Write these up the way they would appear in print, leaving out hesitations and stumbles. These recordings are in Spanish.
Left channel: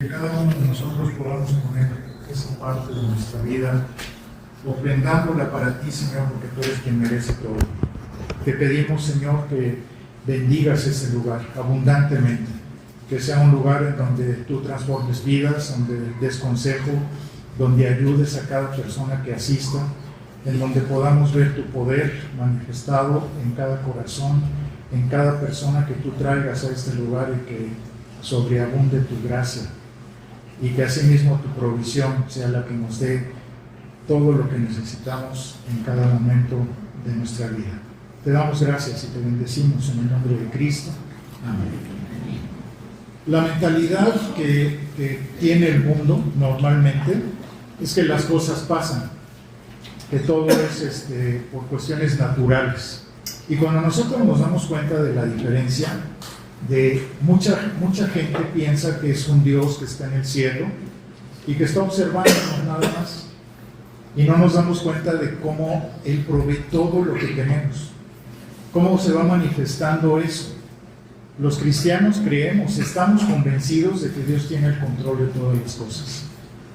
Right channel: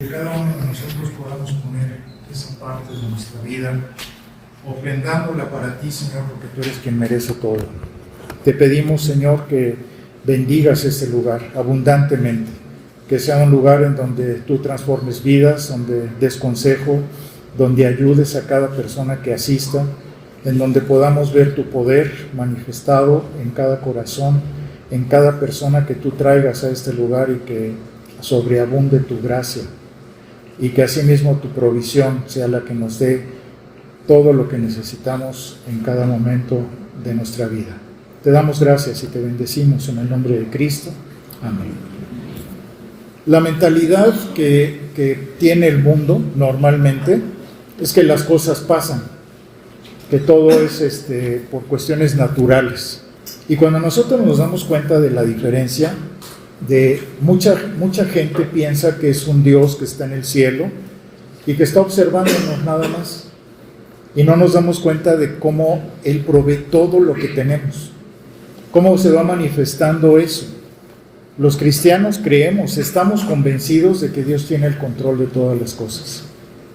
Que cada uno de nosotros podamos poner esa parte de nuestra vida, ofrendándola para ti, Señor, porque tú eres quien merece todo. Te pedimos, Señor, que bendigas este lugar abundantemente, que sea un lugar en donde tú transformes vidas, donde des consejo, donde ayudes a cada persona que asista, en donde podamos ver tu poder manifestado en cada corazón, en cada persona que tú traigas a este lugar, y que sobreabunde tu gracia, y que asimismo tu provisión sea la que nos dé todo lo que necesitamos en cada momento de nuestra vida. Te damos gracias y te bendecimos en el nombre de Cristo. Amén. La mentalidad que tiene el mundo normalmente es que las cosas pasan, que todo es por cuestiones naturales. Y cuando nosotros nos damos cuenta de la diferencia, de mucha gente piensa que es un Dios que está en el cielo y que está observándonos nada más, y no nos damos cuenta de cómo Él provee todo lo que tenemos, cómo se va manifestando eso. Los cristianos creemos, estamos convencidos de que Dios tiene el control de todas las cosas,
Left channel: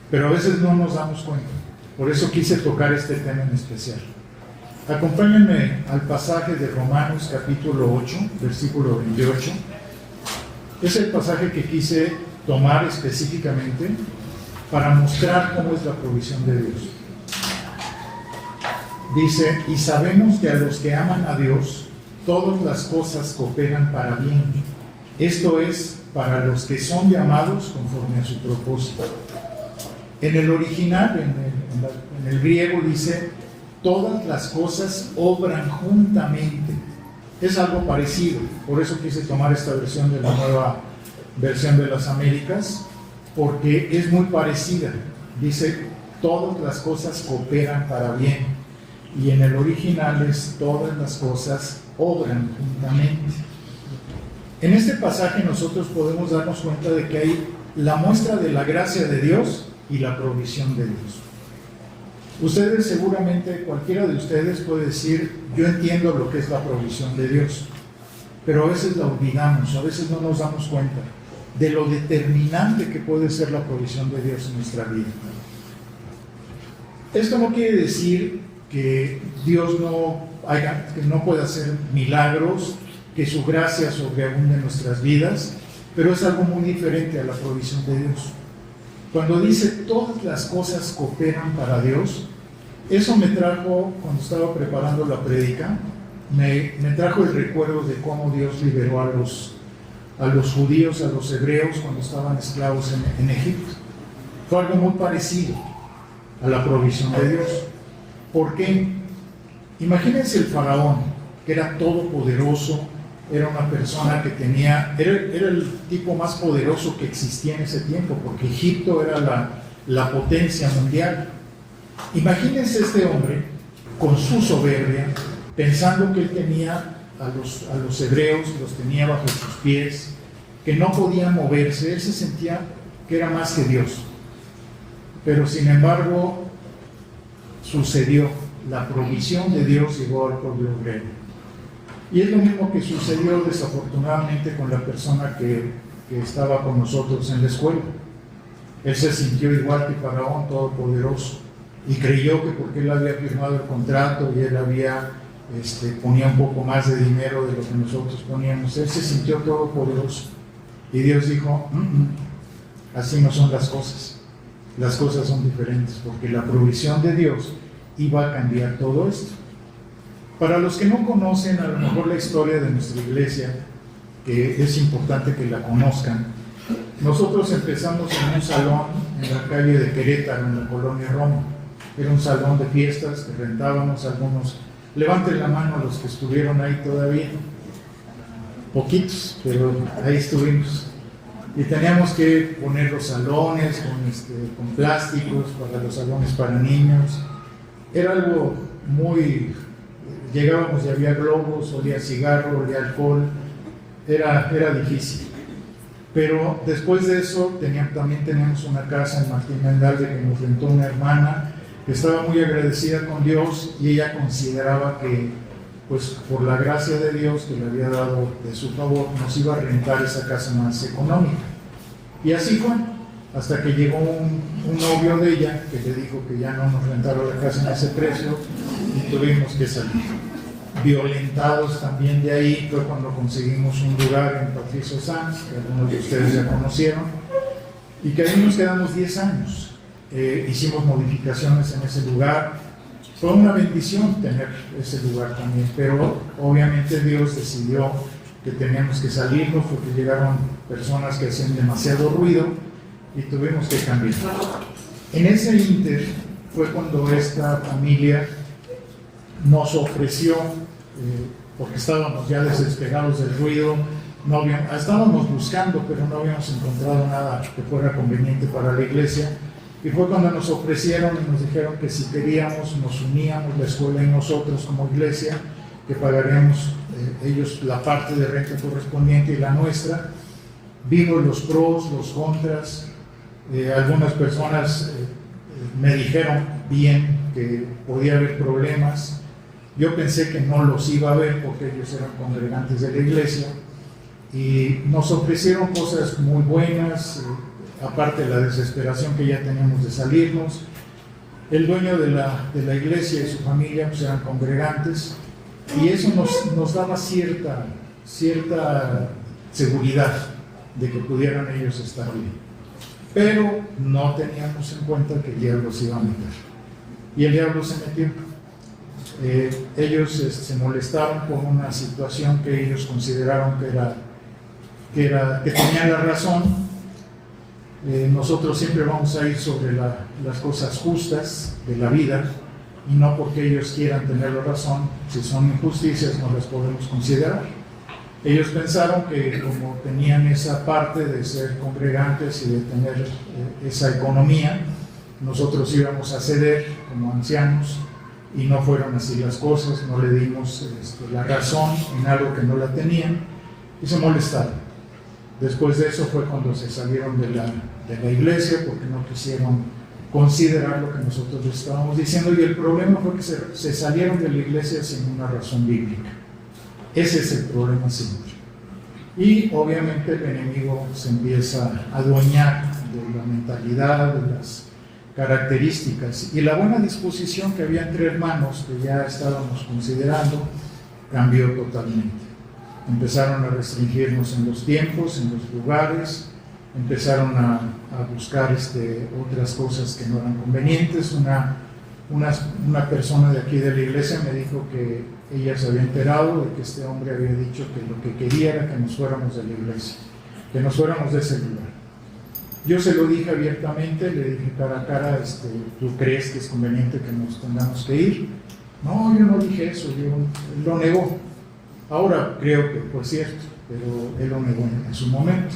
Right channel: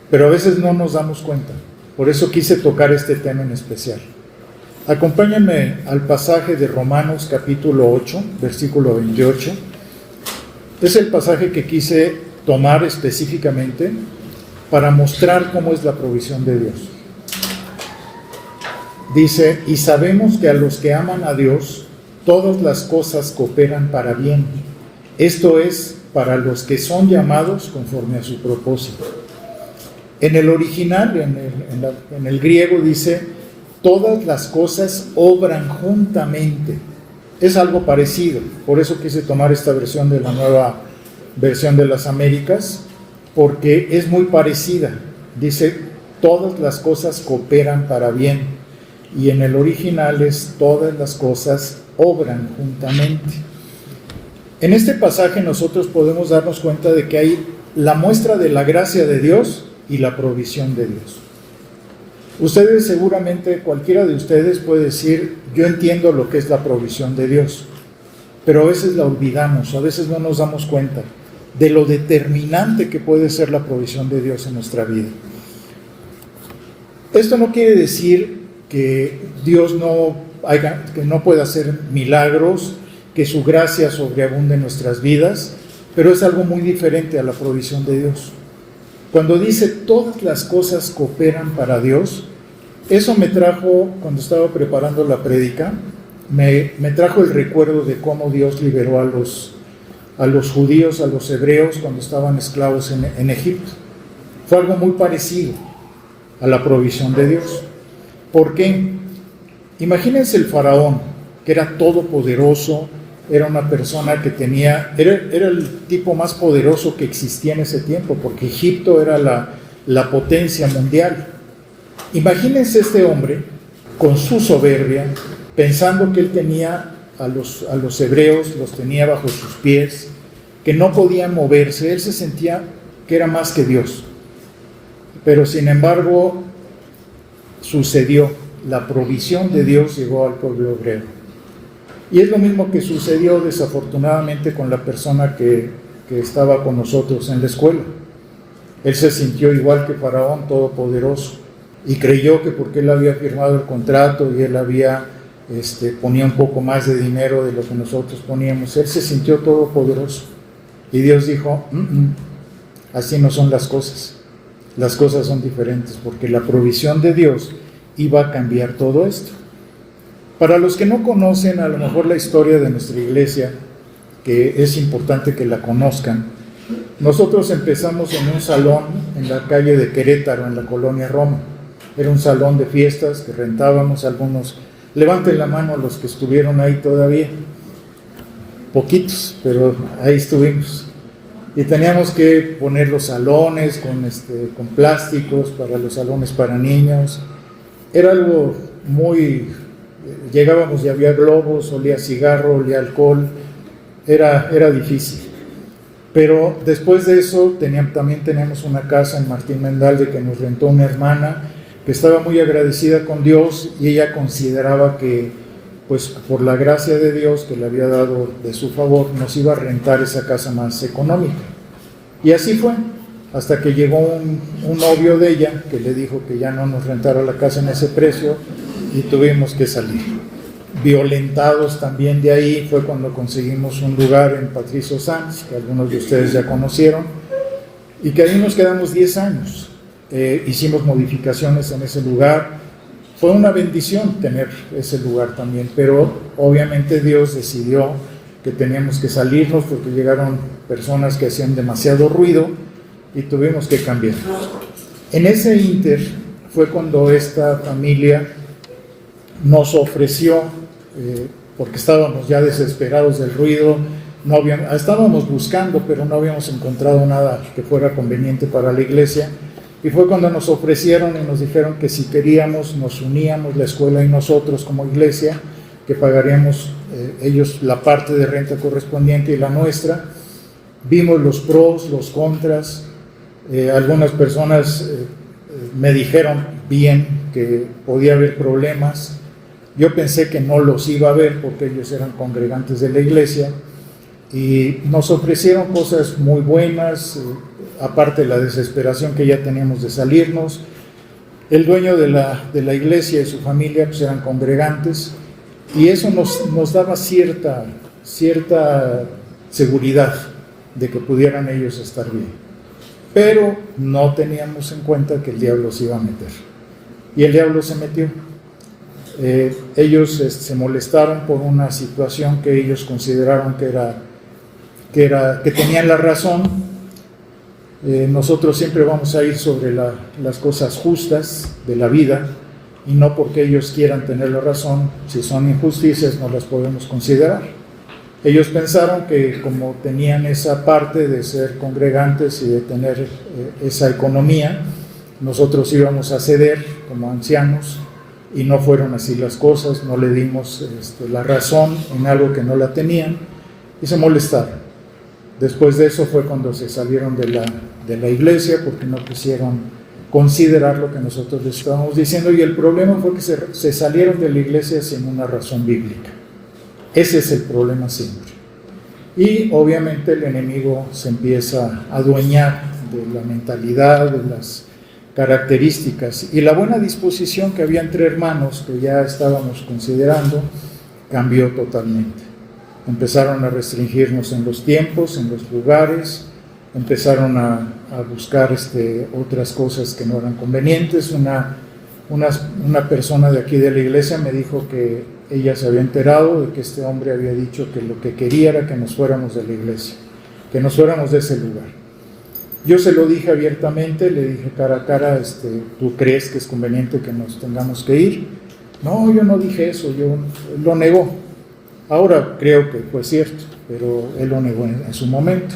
pero a veces no nos damos cuenta. Por eso quise tocar este tema en especial. Acompáñenme al pasaje de Romanos capítulo 8, versículo 28. Es el pasaje que quise tomar específicamente para mostrar cómo es la provisión de Dios. Dice: y sabemos que a los que aman a Dios, todas las cosas cooperan para bien. Esto es, para los que son llamados conforme a su propósito. En el original, en el griego, dice: todas las cosas obran juntamente. Es algo parecido, por eso quise tomar esta versión de la Nueva Versión de las Américas, porque es muy parecida. Dice: todas las cosas cooperan para bien, y en el original es: todas las cosas obran juntamente. En este pasaje nosotros podemos darnos cuenta de que hay la muestra de la gracia de Dios y la provisión de Dios. Ustedes seguramente, cualquiera de ustedes puede decir: yo entiendo lo que es la provisión de Dios, pero a veces la olvidamos, a veces no nos damos cuenta de lo determinante que puede ser la provisión de Dios en nuestra vida. Esto no quiere decir que Dios que no pueda hacer milagros, que su gracia sobreabunde en nuestras vidas, pero es algo muy diferente a la provisión de Dios. Cuando dice todas las cosas cooperan para Dios, eso me trajo, cuando estaba preparando la prédica, me trajo el recuerdo de cómo Dios liberó a los judíos, a los hebreos, cuando estaban esclavos en Egipto. Fue algo muy parecido a la provisión de Dios. ¿Por qué? Imagínense el faraón, que era todopoderoso, era una persona que era el tipo más poderoso que existía en ese tiempo, porque Egipto era la potencia mundial. Imagínense este hombre con su soberbia, pensando que él tenía a los hebreos, los tenía bajo sus pies, que no podían moverse. Él se sentía que era más que Dios. Pero sin embargo, sucedió, la provisión de Dios llegó al pueblo hebreo. Y es lo mismo que sucedió desafortunadamente con la persona que estaba con nosotros en la escuela. Él se sintió igual que Faraón, todopoderoso, y creyó que porque él había firmado el contrato y él ponía un poco más de dinero de lo que nosotros poníamos, él se sintió todopoderoso. Y Dios dijo: así no son las cosas son diferentes, porque la provisión de Dios iba a cambiar todo esto. Para los que no conocen a lo mejor la historia de nuestra iglesia, que es importante que la conozcan, nosotros empezamos en un salón en la calle de Querétaro, en la colonia Roma. Era un salón de fiestas que rentábamos. Algunos, levanten la mano los que estuvieron ahí todavía, poquitos, pero ahí estuvimos. Y teníamos que poner los salones con plásticos para los salones para niños. Era algo muy... Llegábamos y había globos, olía a cigarro, olía a alcohol. Era difícil. Pero después de eso también teníamos una casa en Martín Mendalde que nos rentó una hermana que estaba muy agradecida con Dios, y ella consideraba que, pues por la gracia de Dios que le había dado de su favor, nos iba a rentar esa casa más económica. Y así fue. hasta que llegó un novio de ella que le dijo que ya no nos rentara la casa en ese precio y tuvimos que salir. Violentados también de ahí fue cuando conseguimos un lugar en Patricio Sanz, que algunos de ustedes ya conocieron, y que ahí nos quedamos 10 años. Hicimos modificaciones en ese lugar. Fue una bendición tener ese lugar también, pero obviamente Dios decidió que teníamos que salirnos porque llegaron personas que hacían demasiado ruido y tuvimos que cambiar. En ese ínter fue cuando esta familia nos ofreció, porque estábamos ya desesperados del ruido, estábamos buscando, pero no habíamos encontrado nada que fuera conveniente para la iglesia, y fue cuando nos ofrecieron y nos dijeron que si queríamos nos uníamos, la escuela y nosotros como iglesia, que pagaríamos ellos la parte de renta correspondiente y la nuestra. Vimos los pros, los contras. Algunas personas me dijeron bien que podía haber problemas. Yo pensé que no los iba a haber porque ellos eran congregantes de la iglesia, y nos ofrecieron cosas muy buenas, aparte de la desesperación que ya teníamos de salirnos. El dueño de la iglesia y su familia pues eran congregantes, y eso nos daba cierta seguridad de que pudieran ellos estar bien. Pero no teníamos en cuenta que el diablo se iba a meter, y el diablo se metió. Ellos se molestaron por una situación que ellos consideraron que tenían la razón. Nosotros siempre vamos a ir sobre las cosas justas de la vida, y no porque ellos quieran tener la razón. Si son injusticias no las podemos considerar. Ellos pensaron que como tenían esa parte de ser congregantes y de tener esa economía, nosotros íbamos a ceder como ancianos, y no fueron así las cosas. No le dimos la razón en algo que no la tenían, y se molestaron. Después de eso fue cuando se salieron de la iglesia, porque no quisieron considerar lo que nosotros les estábamos diciendo, y el problema fue que se salieron de la iglesia sin una razón bíblica. Ese es el problema siempre. Y obviamente el enemigo se empieza a adueñar de la mentalidad, de las características, y la buena disposición que había entre hermanos, que ya estábamos considerando, cambió totalmente. Empezaron a restringirnos en los tiempos, en los lugares, empezaron a buscar otras cosas que no eran convenientes. Una persona de aquí de la iglesia me dijo que ella se había enterado de que este hombre había dicho que lo que quería era que nos fuéramos de la iglesia, que nos fuéramos de ese lugar. Yo se lo dije abiertamente, le dije cara a cara, ¿tú crees que es conveniente que nos tengamos que ir? No, yo no dije eso, él lo negó. Ahora creo que fue cierto, pero él lo negó en su momento.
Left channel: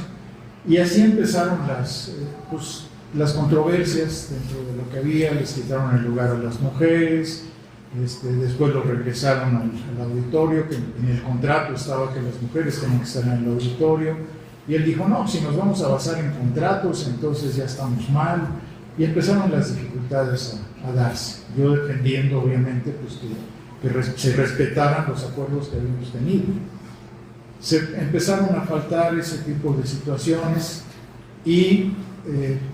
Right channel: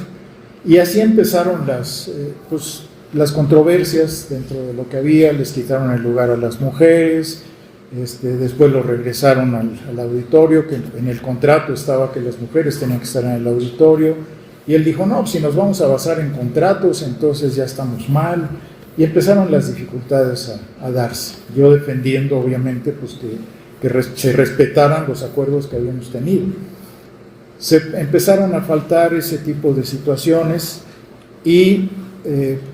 Y así empezaron las controversias dentro de lo que había. Les quitaron el lugar a las mujeres, después lo regresaron al auditorio, que en el contrato estaba que las mujeres tenían que estar en el auditorio, y él dijo, no, si nos vamos a basar en contratos, entonces ya estamos mal, y empezaron las dificultades a darse. Yo defendiendo, obviamente, pues que se respetaran los acuerdos que habíamos tenido. Se empezaron a faltar ese tipo de situaciones, y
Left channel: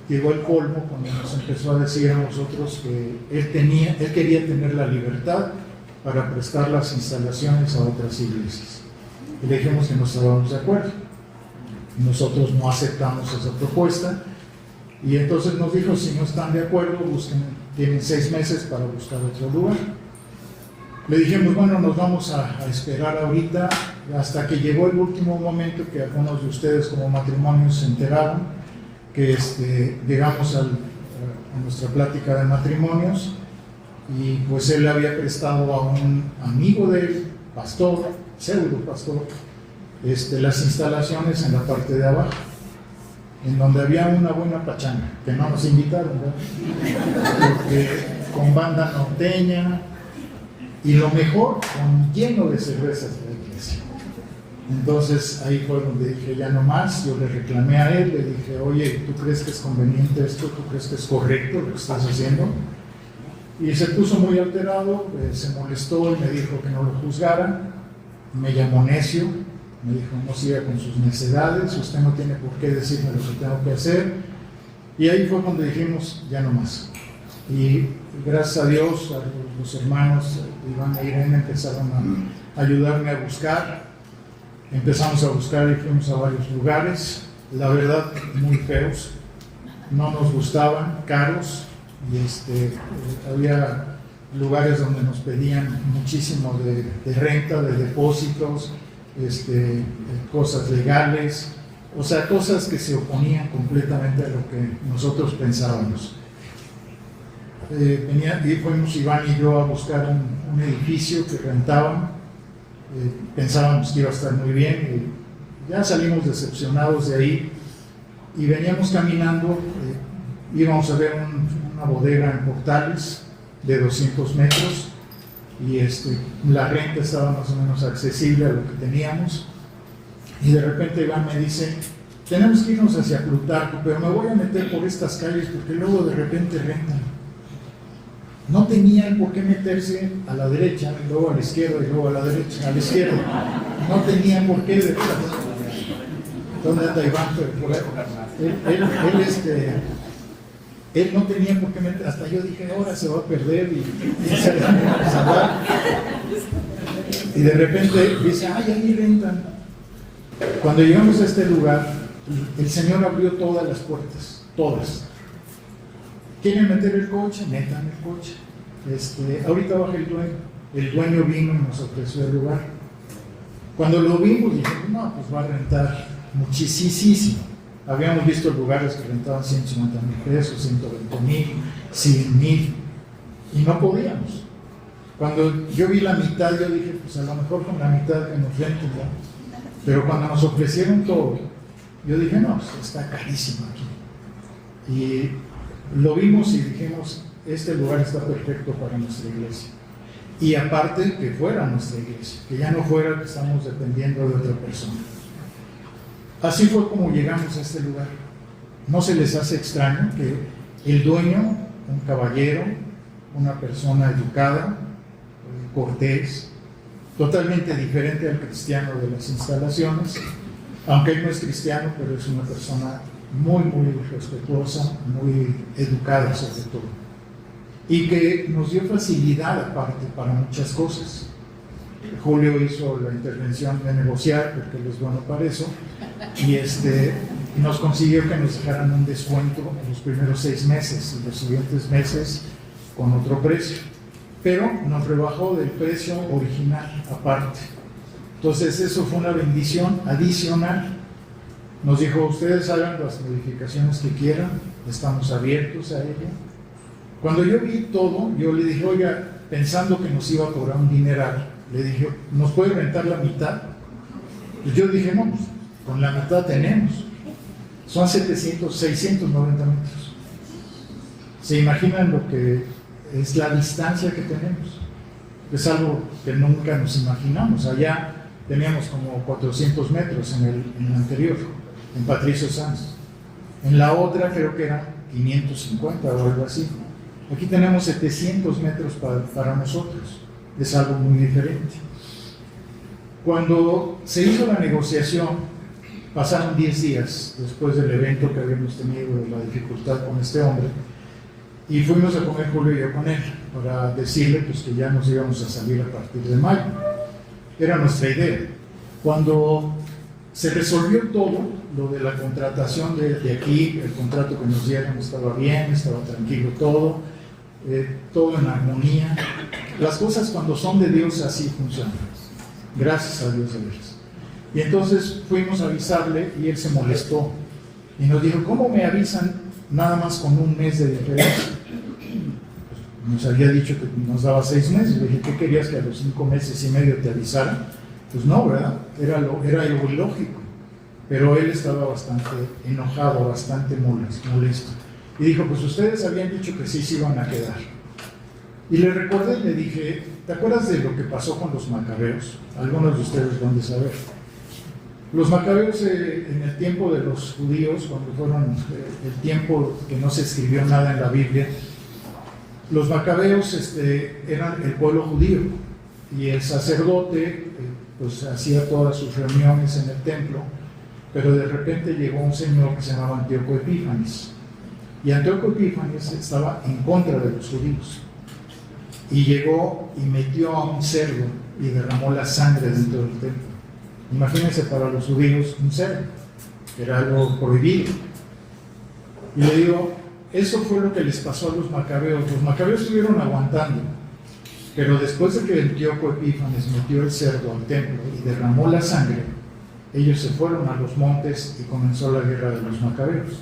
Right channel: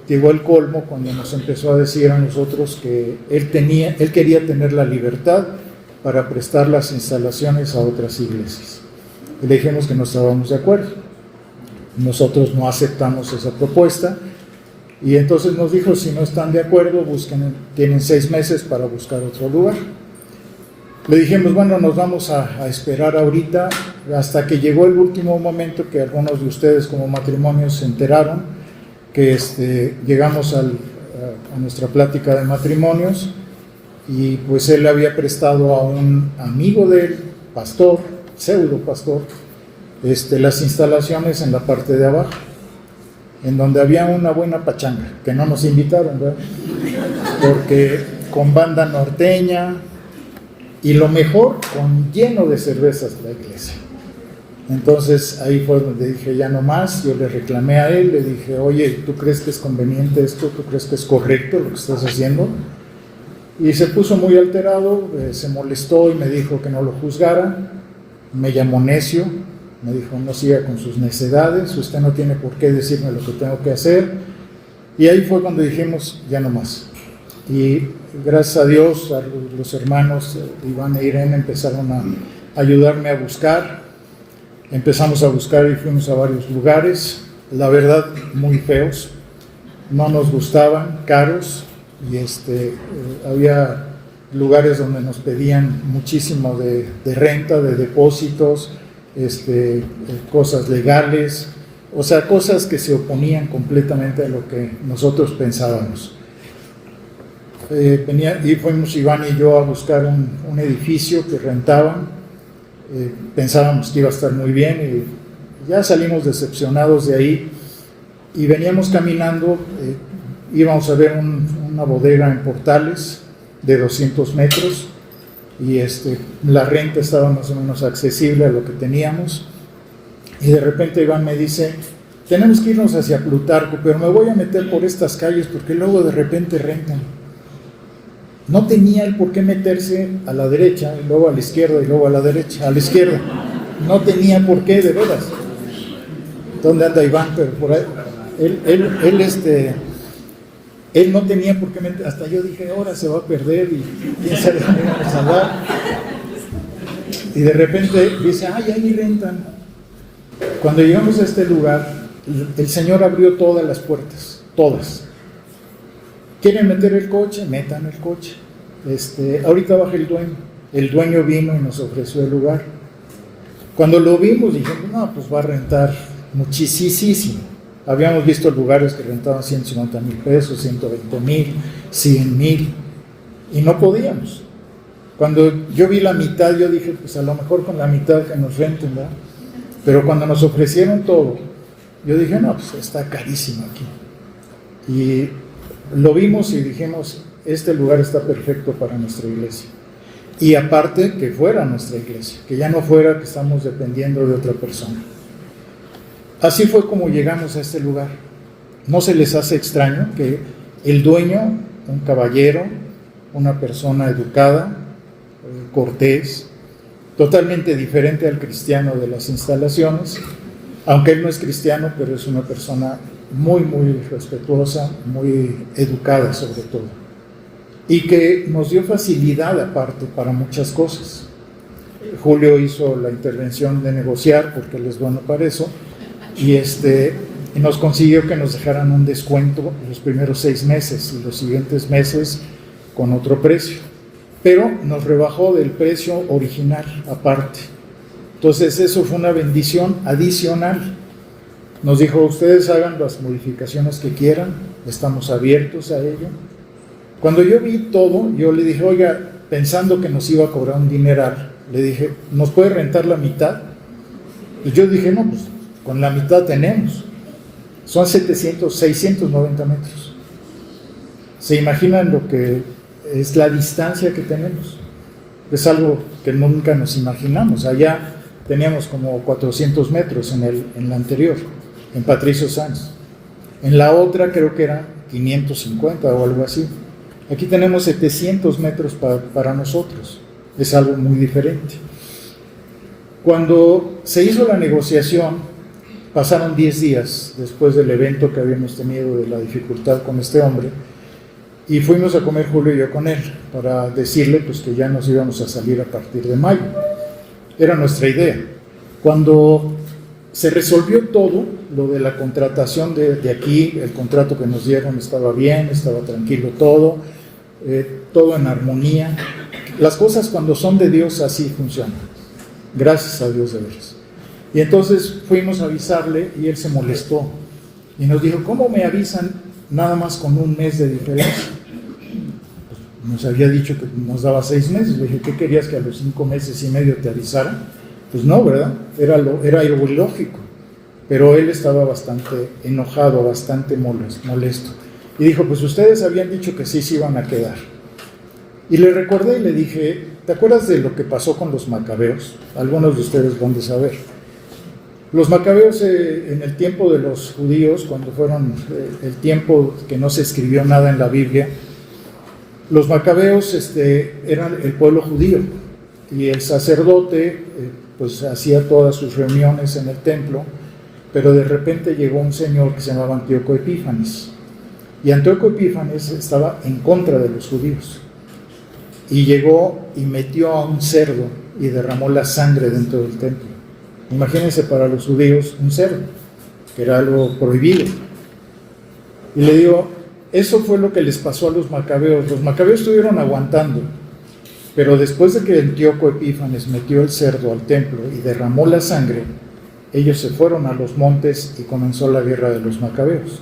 llegó el colmo cuando nos empezó a decir a nosotros que él quería tener la libertad para prestar las instalaciones a otras iglesias. Y le dijimos que no estábamos de acuerdo. Nosotros no aceptamos esa propuesta, y entonces nos dijo, si no están de acuerdo, tienen 6 meses para buscar otro lugar. Le dijimos, bueno, nos vamos a esperar ahorita, hasta que llegó el último momento que algunos de ustedes como matrimonios se enteraron que llegamos a nuestra plática de matrimonios, y pues él le había prestado a un amigo de él, pastor, pseudo pastor, las instalaciones en la parte de abajo, en donde había una buena pachanga, que no nos invitaron, ¿verdad? Porque con banda norteña, y lo mejor, lleno de cervezas de la iglesia. Entonces ahí fue donde dije, ya no más. Yo le reclamé a él, le dije, oye, ¿tú crees que es conveniente esto? ¿Tú crees que es correcto lo que estás haciendo? Y se puso muy alterado, se molestó y me dijo que no lo juzgara. Me llamó necio, me dijo, no siga con sus necedades, usted no tiene por qué decirme lo que tengo que hacer. Y ahí fue cuando dijimos, ya no más. Y gracias a Dios, a los hermanos Iván e Irene empezaron a ayudarme a buscar. Empezamos a buscar y fuimos a varios lugares, la verdad muy feos, no nos gustaban, caros, y había lugares donde nos pedían muchísimo de renta, de depósitos, cosas legales, o sea, cosas que se oponían completamente a lo que nosotros pensábamos. Y fuimos Iván y yo a buscar un edificio que rentaban. Pensábamos que iba a estar muy bien y ya salimos decepcionados de ahí y veníamos caminando, íbamos a ver una bodega en Portales de 200 metros y la renta estaba más o menos accesible a lo que teníamos, y de repente Iván me dice, tenemos que irnos hacia Plutarco, pero me voy a meter por estas calles porque luego de repente rentan. No tenía el por qué meterse a la derecha, y luego a la izquierda, y luego a la derecha, a la izquierda. No tenía por qué, de veras. ¿Dónde anda Iván? Pero por ahí. Él no tenía por qué meter. Hasta yo dije, ahora se va a perder y quién sabe dónde vamos a andar. Y de repente dice, ay, ahí rentan. Cuando llegamos a este lugar, el Señor abrió todas las puertas, todas. ¿Quieren meter el coche? Metan el coche. Ahorita baja el dueño. El dueño vino y nos ofreció el lugar. Cuando lo vimos dijimos, no, pues va a rentar muchísimo. Habíamos visto lugares que rentaban 150,000 pesos, 120,000, 100,000 y no podíamos. Cuando yo vi la mitad, yo dije, pues a lo mejor con la mitad que nos renten, ¿verdad? Pero cuando nos ofrecieron todo, yo dije, no, pues está carísimo aquí. Y lo vimos y dijimos, este lugar está perfecto para nuestra iglesia. Y aparte, que fuera nuestra iglesia, que ya no fuera que estamos dependiendo de otra persona. Así fue como llegamos a este lugar. ¿No se les hace extraño que el dueño, un caballero, una persona educada, cortés, totalmente diferente al cristiano de las instalaciones, aunque él no es cristiano, pero es una persona muy respetuosa, muy educada sobre todo, y que nos dio facilidad aparte para muchas cosas? Julio hizo la intervención de negociar, porque él es bueno para eso, y nos consiguió que nos dejaran un descuento los primeros 6 meses y los siguientes meses con otro precio, pero nos rebajó del precio original aparte. Entonces eso fue una bendición adicional. Nos dijo, ustedes hagan las modificaciones que quieran, estamos abiertos a ello. Cuando yo vi todo, yo le dije, oiga, pensando que nos iba a cobrar un dineral, le dije, ¿nos puede rentar la mitad? Y yo dije, no, pues con la mitad tenemos. Son 690 metros. ¿Se imaginan lo que es la distancia que tenemos? Es algo que nunca nos imaginamos. Allá teníamos como 400 metros en la anterior, en Patricio Sanz. En la otra creo que era 550 o algo así. Aquí tenemos 700 metros para nosotros. Es algo muy diferente. Cuando se hizo la negociación, pasaron 10 días después del evento que habíamos tenido de la dificultad con este hombre, y fuimos a comer Julio y yo con él para decirle pues que ya nos íbamos a salir a partir de mayo. Era nuestra idea. Cuando se resolvió todo, lo de la contratación de aquí, el contrato que nos dieron estaba bien, estaba tranquilo todo, todo en armonía. Las cosas cuando son de Dios así funcionan. Gracias a Dios de veras. Y entonces fuimos a avisarle y él se molestó y nos dijo, ¿cómo me avisan nada más con un mes de diferencia? Pues nos había dicho que nos daba 6 meses. Le dije, ¿qué querías, que a los 5 meses y medio te avisara? Pues no, ¿verdad? Era algo ilógico. Pero él estaba bastante enojado, bastante molesto. Y dijo, pues ustedes habían dicho que sí se iban a quedar. Y le recordé y le dije, ¿te acuerdas de lo que pasó con los macabeos? Algunos de ustedes van a saber. Los macabeos en el tiempo de los judíos, cuando fueron el tiempo que no se escribió nada en la Biblia, los macabeos eran el pueblo judío, y el sacerdote pues hacía todas sus reuniones en el templo, pero de repente llegó un señor que se llamaba Antíoco Epífanes, Y Antíoco Epífanes estaba en contra de los judíos. Y llegó y metió a un cerdo y derramó la sangre dentro del templo. Imagínense para los judíos un cerdo, que era algo prohibido. Y le digo, eso fue lo que les pasó a los macabeos. Los macabeos estuvieron aguantando, pero después de que Antíoco Epífanes metió el cerdo al templo y derramó la sangre, ellos se fueron a los montes y comenzó la guerra de los macabeos.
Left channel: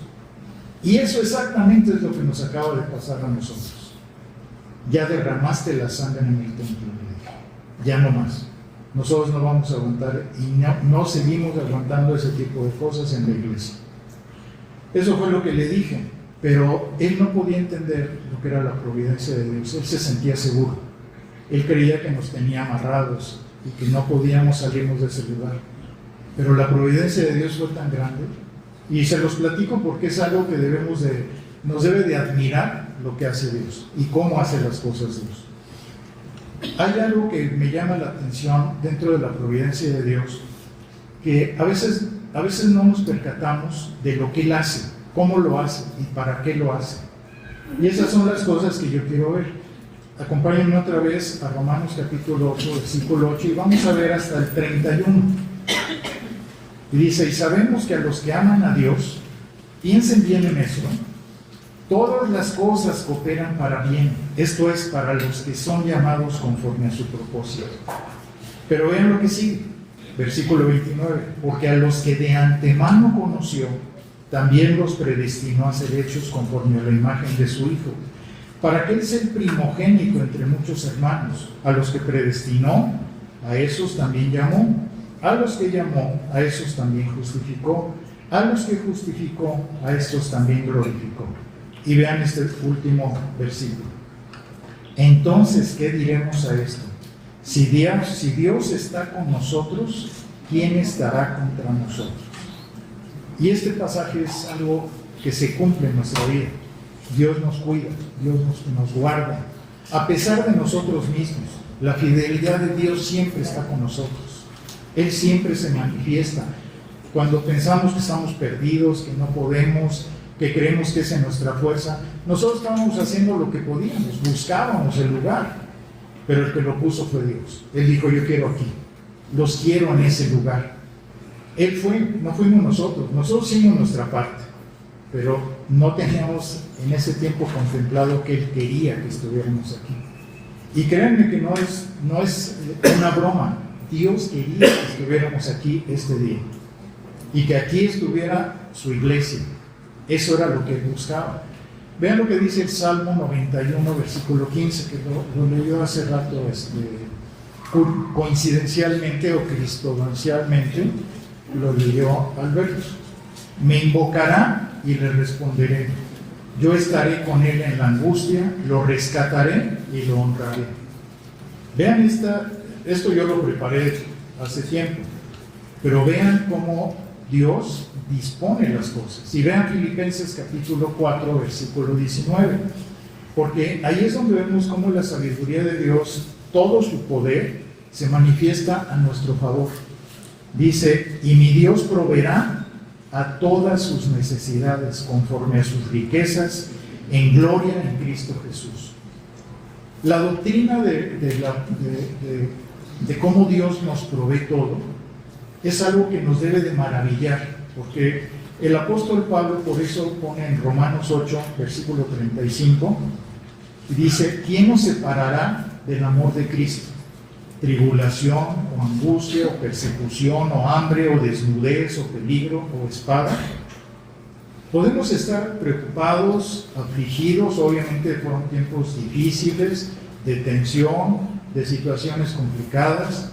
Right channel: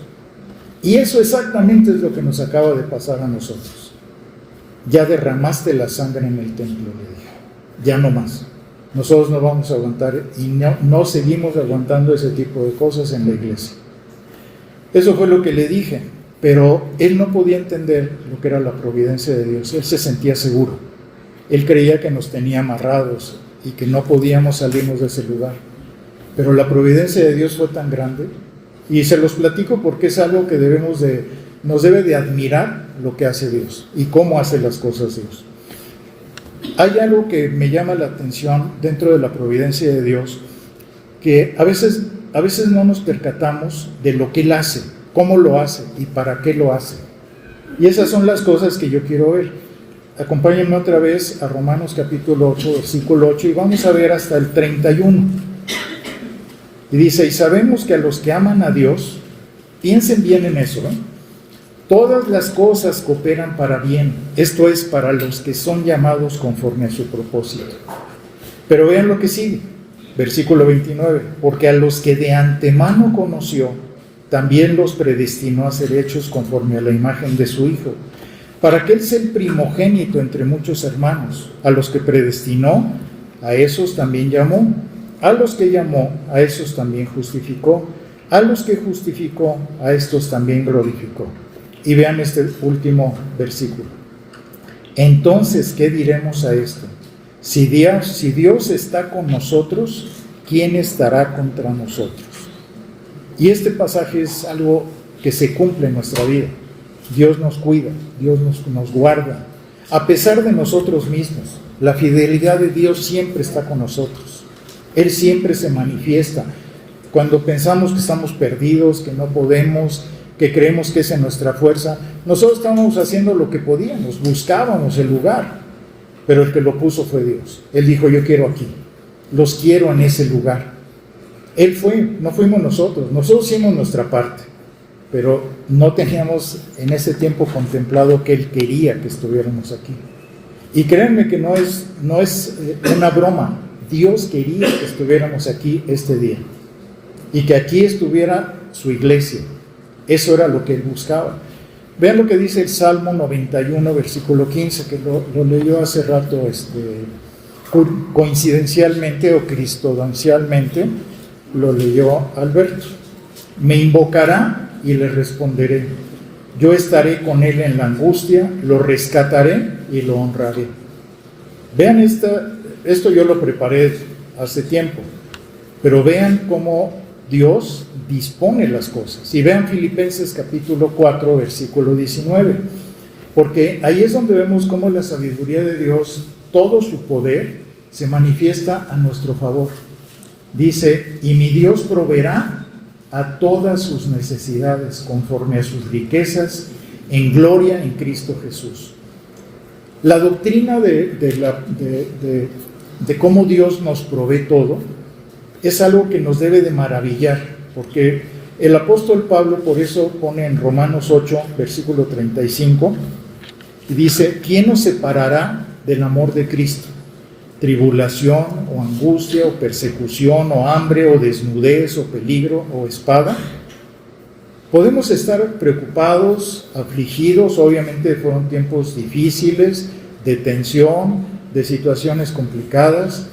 Y eso exactamente es lo que nos acaba de pasar a nosotros. Ya derramaste la sangre en el templo, le dije. Ya no más. Nosotros no vamos a aguantar y no seguimos aguantando ese tipo de cosas en la iglesia. Eso fue lo que le dije, pero él no podía entender lo que era la providencia de Dios. Él se sentía seguro. Él creía que nos tenía amarrados y que no podíamos salirnos de ese lugar. Pero la providencia de Dios fue tan grande, y se los platico porque es algo que nos debe de admirar lo que hace Dios y cómo hace las cosas Dios. Hay algo que me llama la atención dentro de la providencia de Dios, que a veces no nos percatamos de lo que Él hace, cómo lo hace y para qué lo hace. Y esas son las cosas que yo quiero ver. Acompáñenme otra vez a Romanos capítulo 8, versículo 8, y vamos a ver hasta el 31. Y dice, y sabemos que a los que aman a Dios, piensen bien en eso, todas las cosas cooperan para bien, esto es, para los que son llamados conforme a su propósito. Pero vean lo que sigue, versículo 29, porque a los que de antemano conoció, también los predestinó a ser hechos conforme a la imagen de su Hijo, para que Él sea el primogénito entre muchos hermanos. A los que predestinó, a esos también llamó. A los que llamó, a esos también justificó. A los que justificó, a estos también glorificó. Y vean este último versículo. Entonces, ¿qué diremos a esto? Si Dios está con nosotros, ¿quién estará contra nosotros? Y este pasaje es algo que se cumple en nuestra vida. Dios nos cuida, Dios nos guarda. A pesar de nosotros mismos, la fidelidad de Dios siempre está con nosotros. Él siempre se manifiesta. Cuando pensamos que estamos perdidos, que no podemos, que creemos que es en nuestra fuerza, nosotros estábamos haciendo lo que podíamos, buscábamos el lugar, pero el que lo puso fue Dios. Él dijo, yo quiero aquí, los quiero en ese lugar. Él fue, no fuimos nosotros hicimos nuestra parte, pero no teníamos en ese tiempo contemplado que Él quería que estuviéramos aquí. Y créanme que no es una broma. Dios quería que estuviéramos aquí este día y que aquí estuviera su iglesia. Eso era lo que Él buscaba. Vean lo que dice el Salmo 91, versículo 15, que lo leyó hace rato coincidencialmente o cristodancialmente, lo leyó Alberto. Me invocará y le responderé. Yo estaré con él en la angustia, lo rescataré y lo honraré. Vean esto yo lo preparé hace tiempo, pero vean cómo Dios dispone las cosas. Y vean Filipenses capítulo 4, versículo 19, porque ahí es donde vemos cómo la sabiduría de Dios, todo su poder, se manifiesta a nuestro favor. Dice, y mi Dios proveerá a todas sus necesidades conforme a sus riquezas en gloria en Cristo Jesús. La doctrina de cómo Dios nos provee todo es algo que nos debe de maravillar, porque el apóstol Pablo por eso pone en Romanos 8, versículo 35, y dice, ¿quién nos separará del amor de Cristo? Tribulación o angustia o persecución o hambre o desnudez o peligro o espada. Podemos estar preocupados, afligidos, obviamente fueron tiempos difíciles, de tensión, de situaciones complicadas,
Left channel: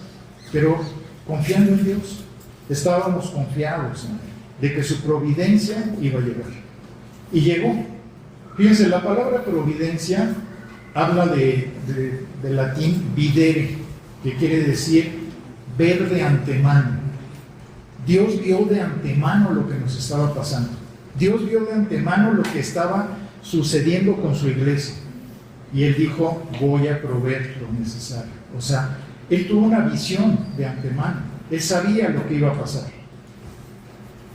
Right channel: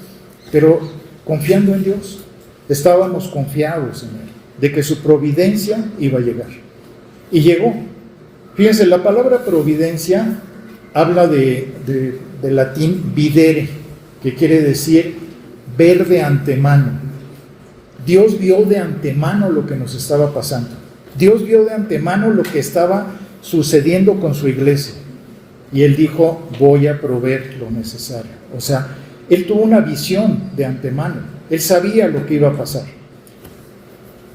pero confiando en Dios, estábamos confiados en Él, de que su providencia iba a llegar. Y llegó. Fíjense, la palabra providencia habla de latín videre, que quiere decir ver de antemano. Dios vio de antemano lo que nos estaba pasando. Dios vio de antemano lo que estaba sucediendo con su iglesia. Y Él dijo, voy a proveer lo necesario. O sea, Él tuvo una visión de antemano. Él sabía lo que iba a pasar.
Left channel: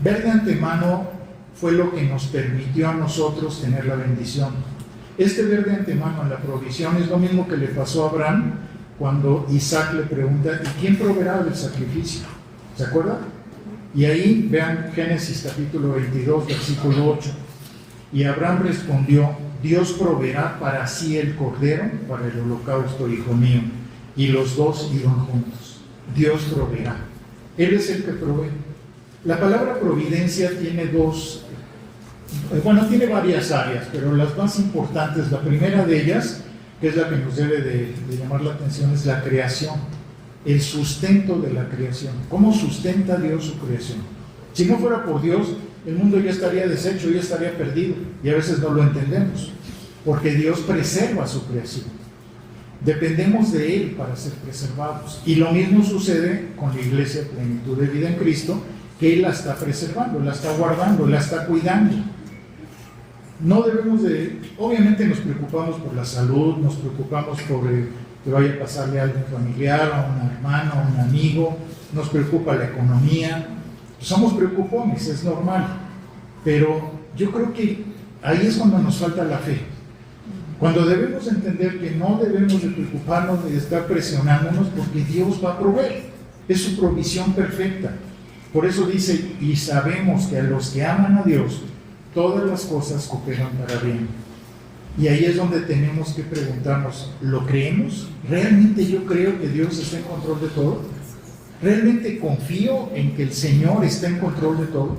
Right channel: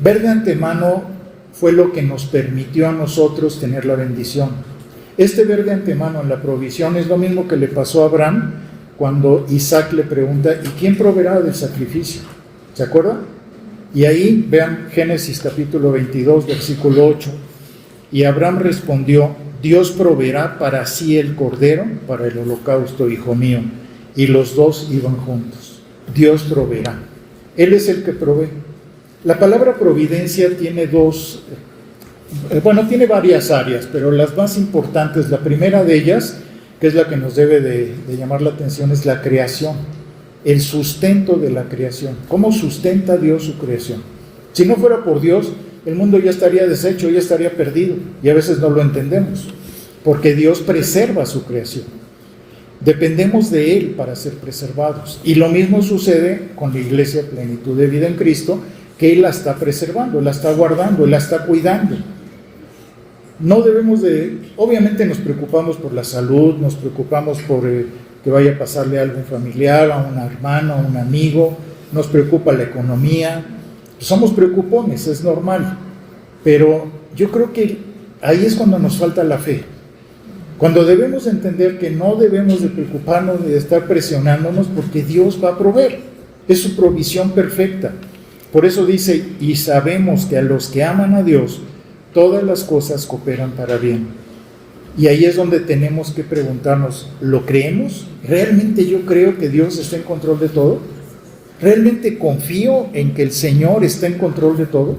Ver de antemano fue lo que nos permitió a nosotros tener la bendición. Este ver de antemano en la provisión es lo mismo que le pasó a Abraham cuando Isaac le pregunta: ¿y quién proveerá del sacrificio? ¿Se acuerdan? Y ahí vean Génesis capítulo 22, versículo 8. Y Abraham respondió: Dios proveerá para sí el cordero para el holocausto, hijo mío. Y los dos iban juntos. Dios proveerá. Él es el que provee. La palabra providencia tiene tiene varias áreas, pero las más importantes, la primera de ellas, que es la que nos debe de llamar la atención, es la creación, el sustento de la creación. ¿Cómo sustenta Dios su creación? Si no fuera por Dios, el mundo ya estaría deshecho, ya estaría perdido, y a veces no lo entendemos, porque Dios preserva su creación. Dependemos de Él para ser preservados, y lo mismo sucede con la iglesia Plenitud de Vida en Cristo, que Él la está preservando, la está guardando, la está cuidando. No debemos obviamente nos preocupamos por la salud, nos preocupamos por que vaya a pasarle algo a un familiar, a un hermano, a un amigo, nos preocupa la economía, somos preocupones, es normal, pero yo creo que ahí es cuando nos falta la fe, cuando debemos entender que no debemos de preocuparnos ni de estar presionándonos, porque Dios va a proveer, es su provisión perfecta. Por eso dice: y sabemos que a los que aman a Dios, todas las cosas cooperan para bien. Y ahí es donde tenemos que preguntarnos: ¿lo creemos? ¿Realmente yo creo que Dios está en control de todo? ¿Realmente confío en que el Señor está en control de todo?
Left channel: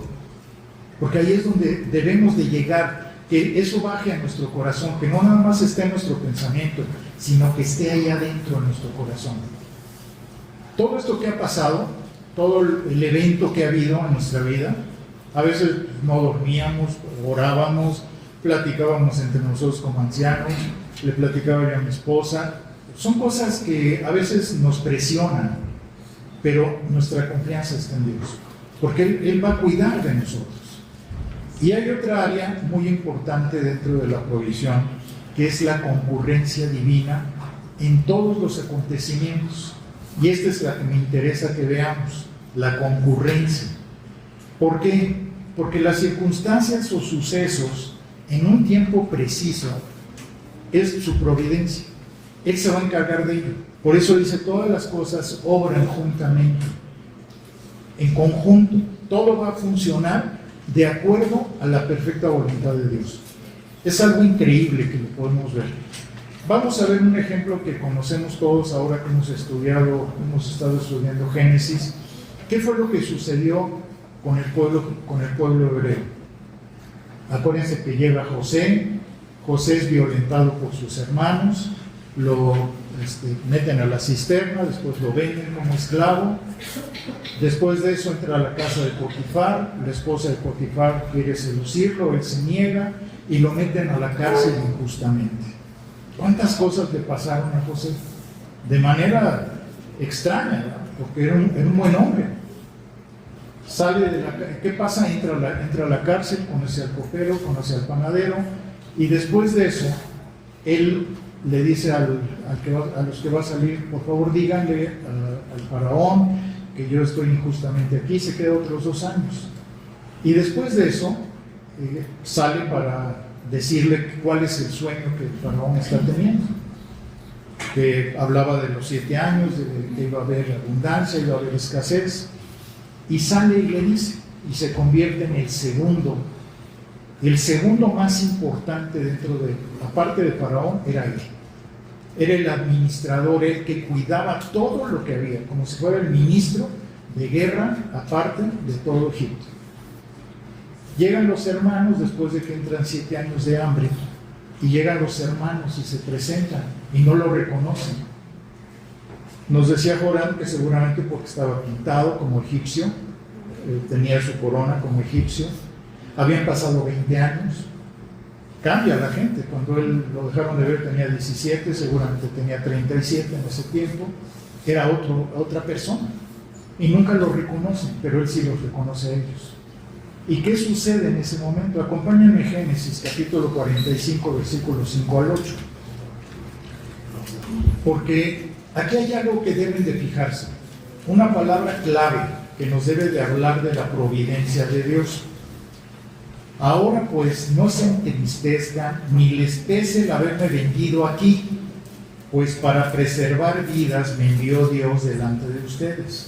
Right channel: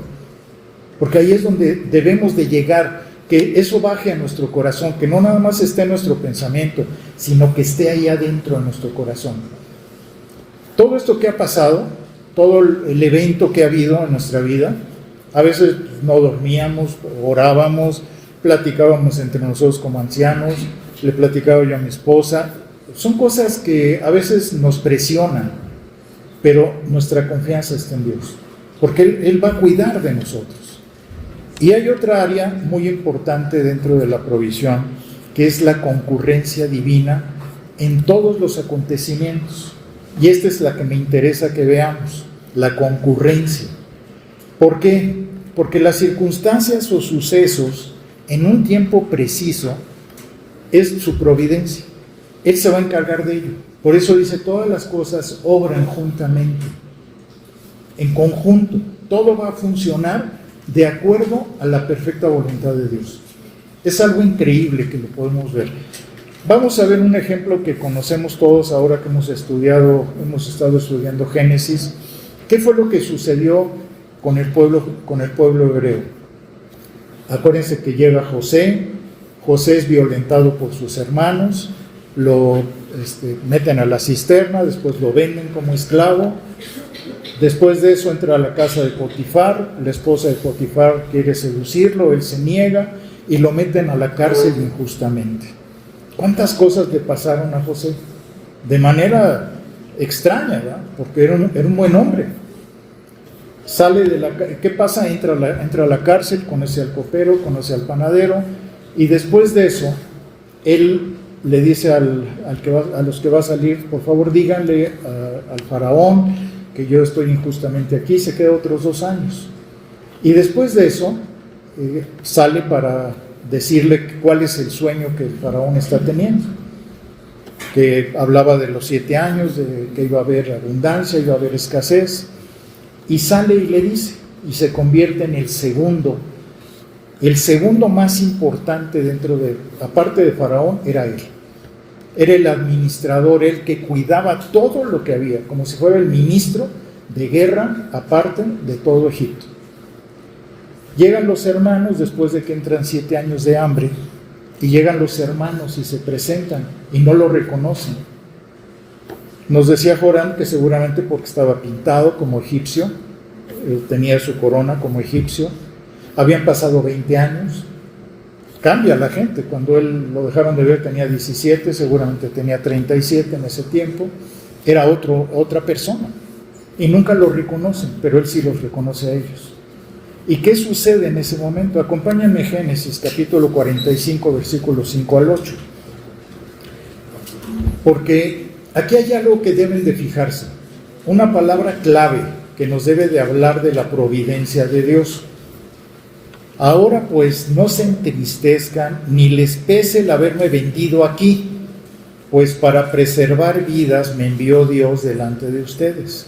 Porque ahí es donde debemos de llegar, que eso baje a nuestro corazón, que no nada más esté en nuestro pensamiento, sino que esté ahí adentro de nuestro corazón. Todo esto que ha pasado, todo el evento que ha habido en nuestra vida, a veces no dormíamos, orábamos, platicábamos entre nosotros como ancianos, le platicaba yo a mi esposa. Son cosas que a veces nos presionan, pero nuestra confianza está en Dios, porque Él va a cuidar de nosotros. Y hay otra área muy importante dentro de la provisión, que es la concurrencia divina en todos los acontecimientos. Y esta es la que me interesa que veamos, la concurrencia. ¿Por qué? Porque las circunstancias o sucesos en un tiempo preciso es su providencia. Él se va a encargar de ello. Por eso dice: todas las cosas obran juntamente, en conjunto. Todo va a funcionar de acuerdo a la perfecta voluntad de Dios. Es algo increíble que lo podemos ver. Vamos a ver un ejemplo que conocemos todos ahora que hemos estado estudiando Génesis. ¿Qué fue lo que sucedió con el pueblo hebreo? Acuérdense que llega José es violentado por sus hermanos, lo meten a la cisterna, después lo venden como esclavo. Después de eso entra a la casa de Potifar, la esposa de Potifar quiere seducirlo, él se niega y lo meten a la cárcel injustamente. ¿Cuántas cosas le pasaron a José? De manera extraña, ¿verdad? Porque era un buen hombre. ¿Qué pasa? Entra a la cárcel, conoce al copero, conoce al panadero, y después de eso, él le dice a los que va a salir: por favor díganle al faraón que yo estoy injustamente aquí. Se queda otros 2 años. Y después de eso, sale para decirle cuál es el sueño que el faraón está teniendo, que hablaba de los 7 años, de que iba a haber abundancia, iba a haber escasez, y sale y le dice, y se convierte en el segundo más importante aparte de faraón, era él. Era el administrador, el que cuidaba todo lo que había, como si fuera el ministro de guerra, aparte de todo Egipto. Llegan los hermanos después de que entran 7 años de hambre, y llegan los hermanos y se presentan y no lo reconocen. Nos decía Joram que seguramente porque estaba pintado como egipcio, tenía su corona como egipcio, habían pasado 20 años. Cambia la gente. Cuando él lo dejaron de ver tenía 17, seguramente tenía 37 en ese tiempo. Era otra persona y nunca lo reconocen, pero él sí los reconoce a ellos. ¿Y qué sucede en ese momento? Acompáñenme a Génesis capítulo 45, versículos 5 al 8, porque aquí hay algo que deben de fijarse, una palabra clave que nos debe de hablar de la providencia de Dios. Ahora pues no se entristezcan ni les pese el haberme vendido aquí, pues para preservar vidas me envió Dios delante de ustedes.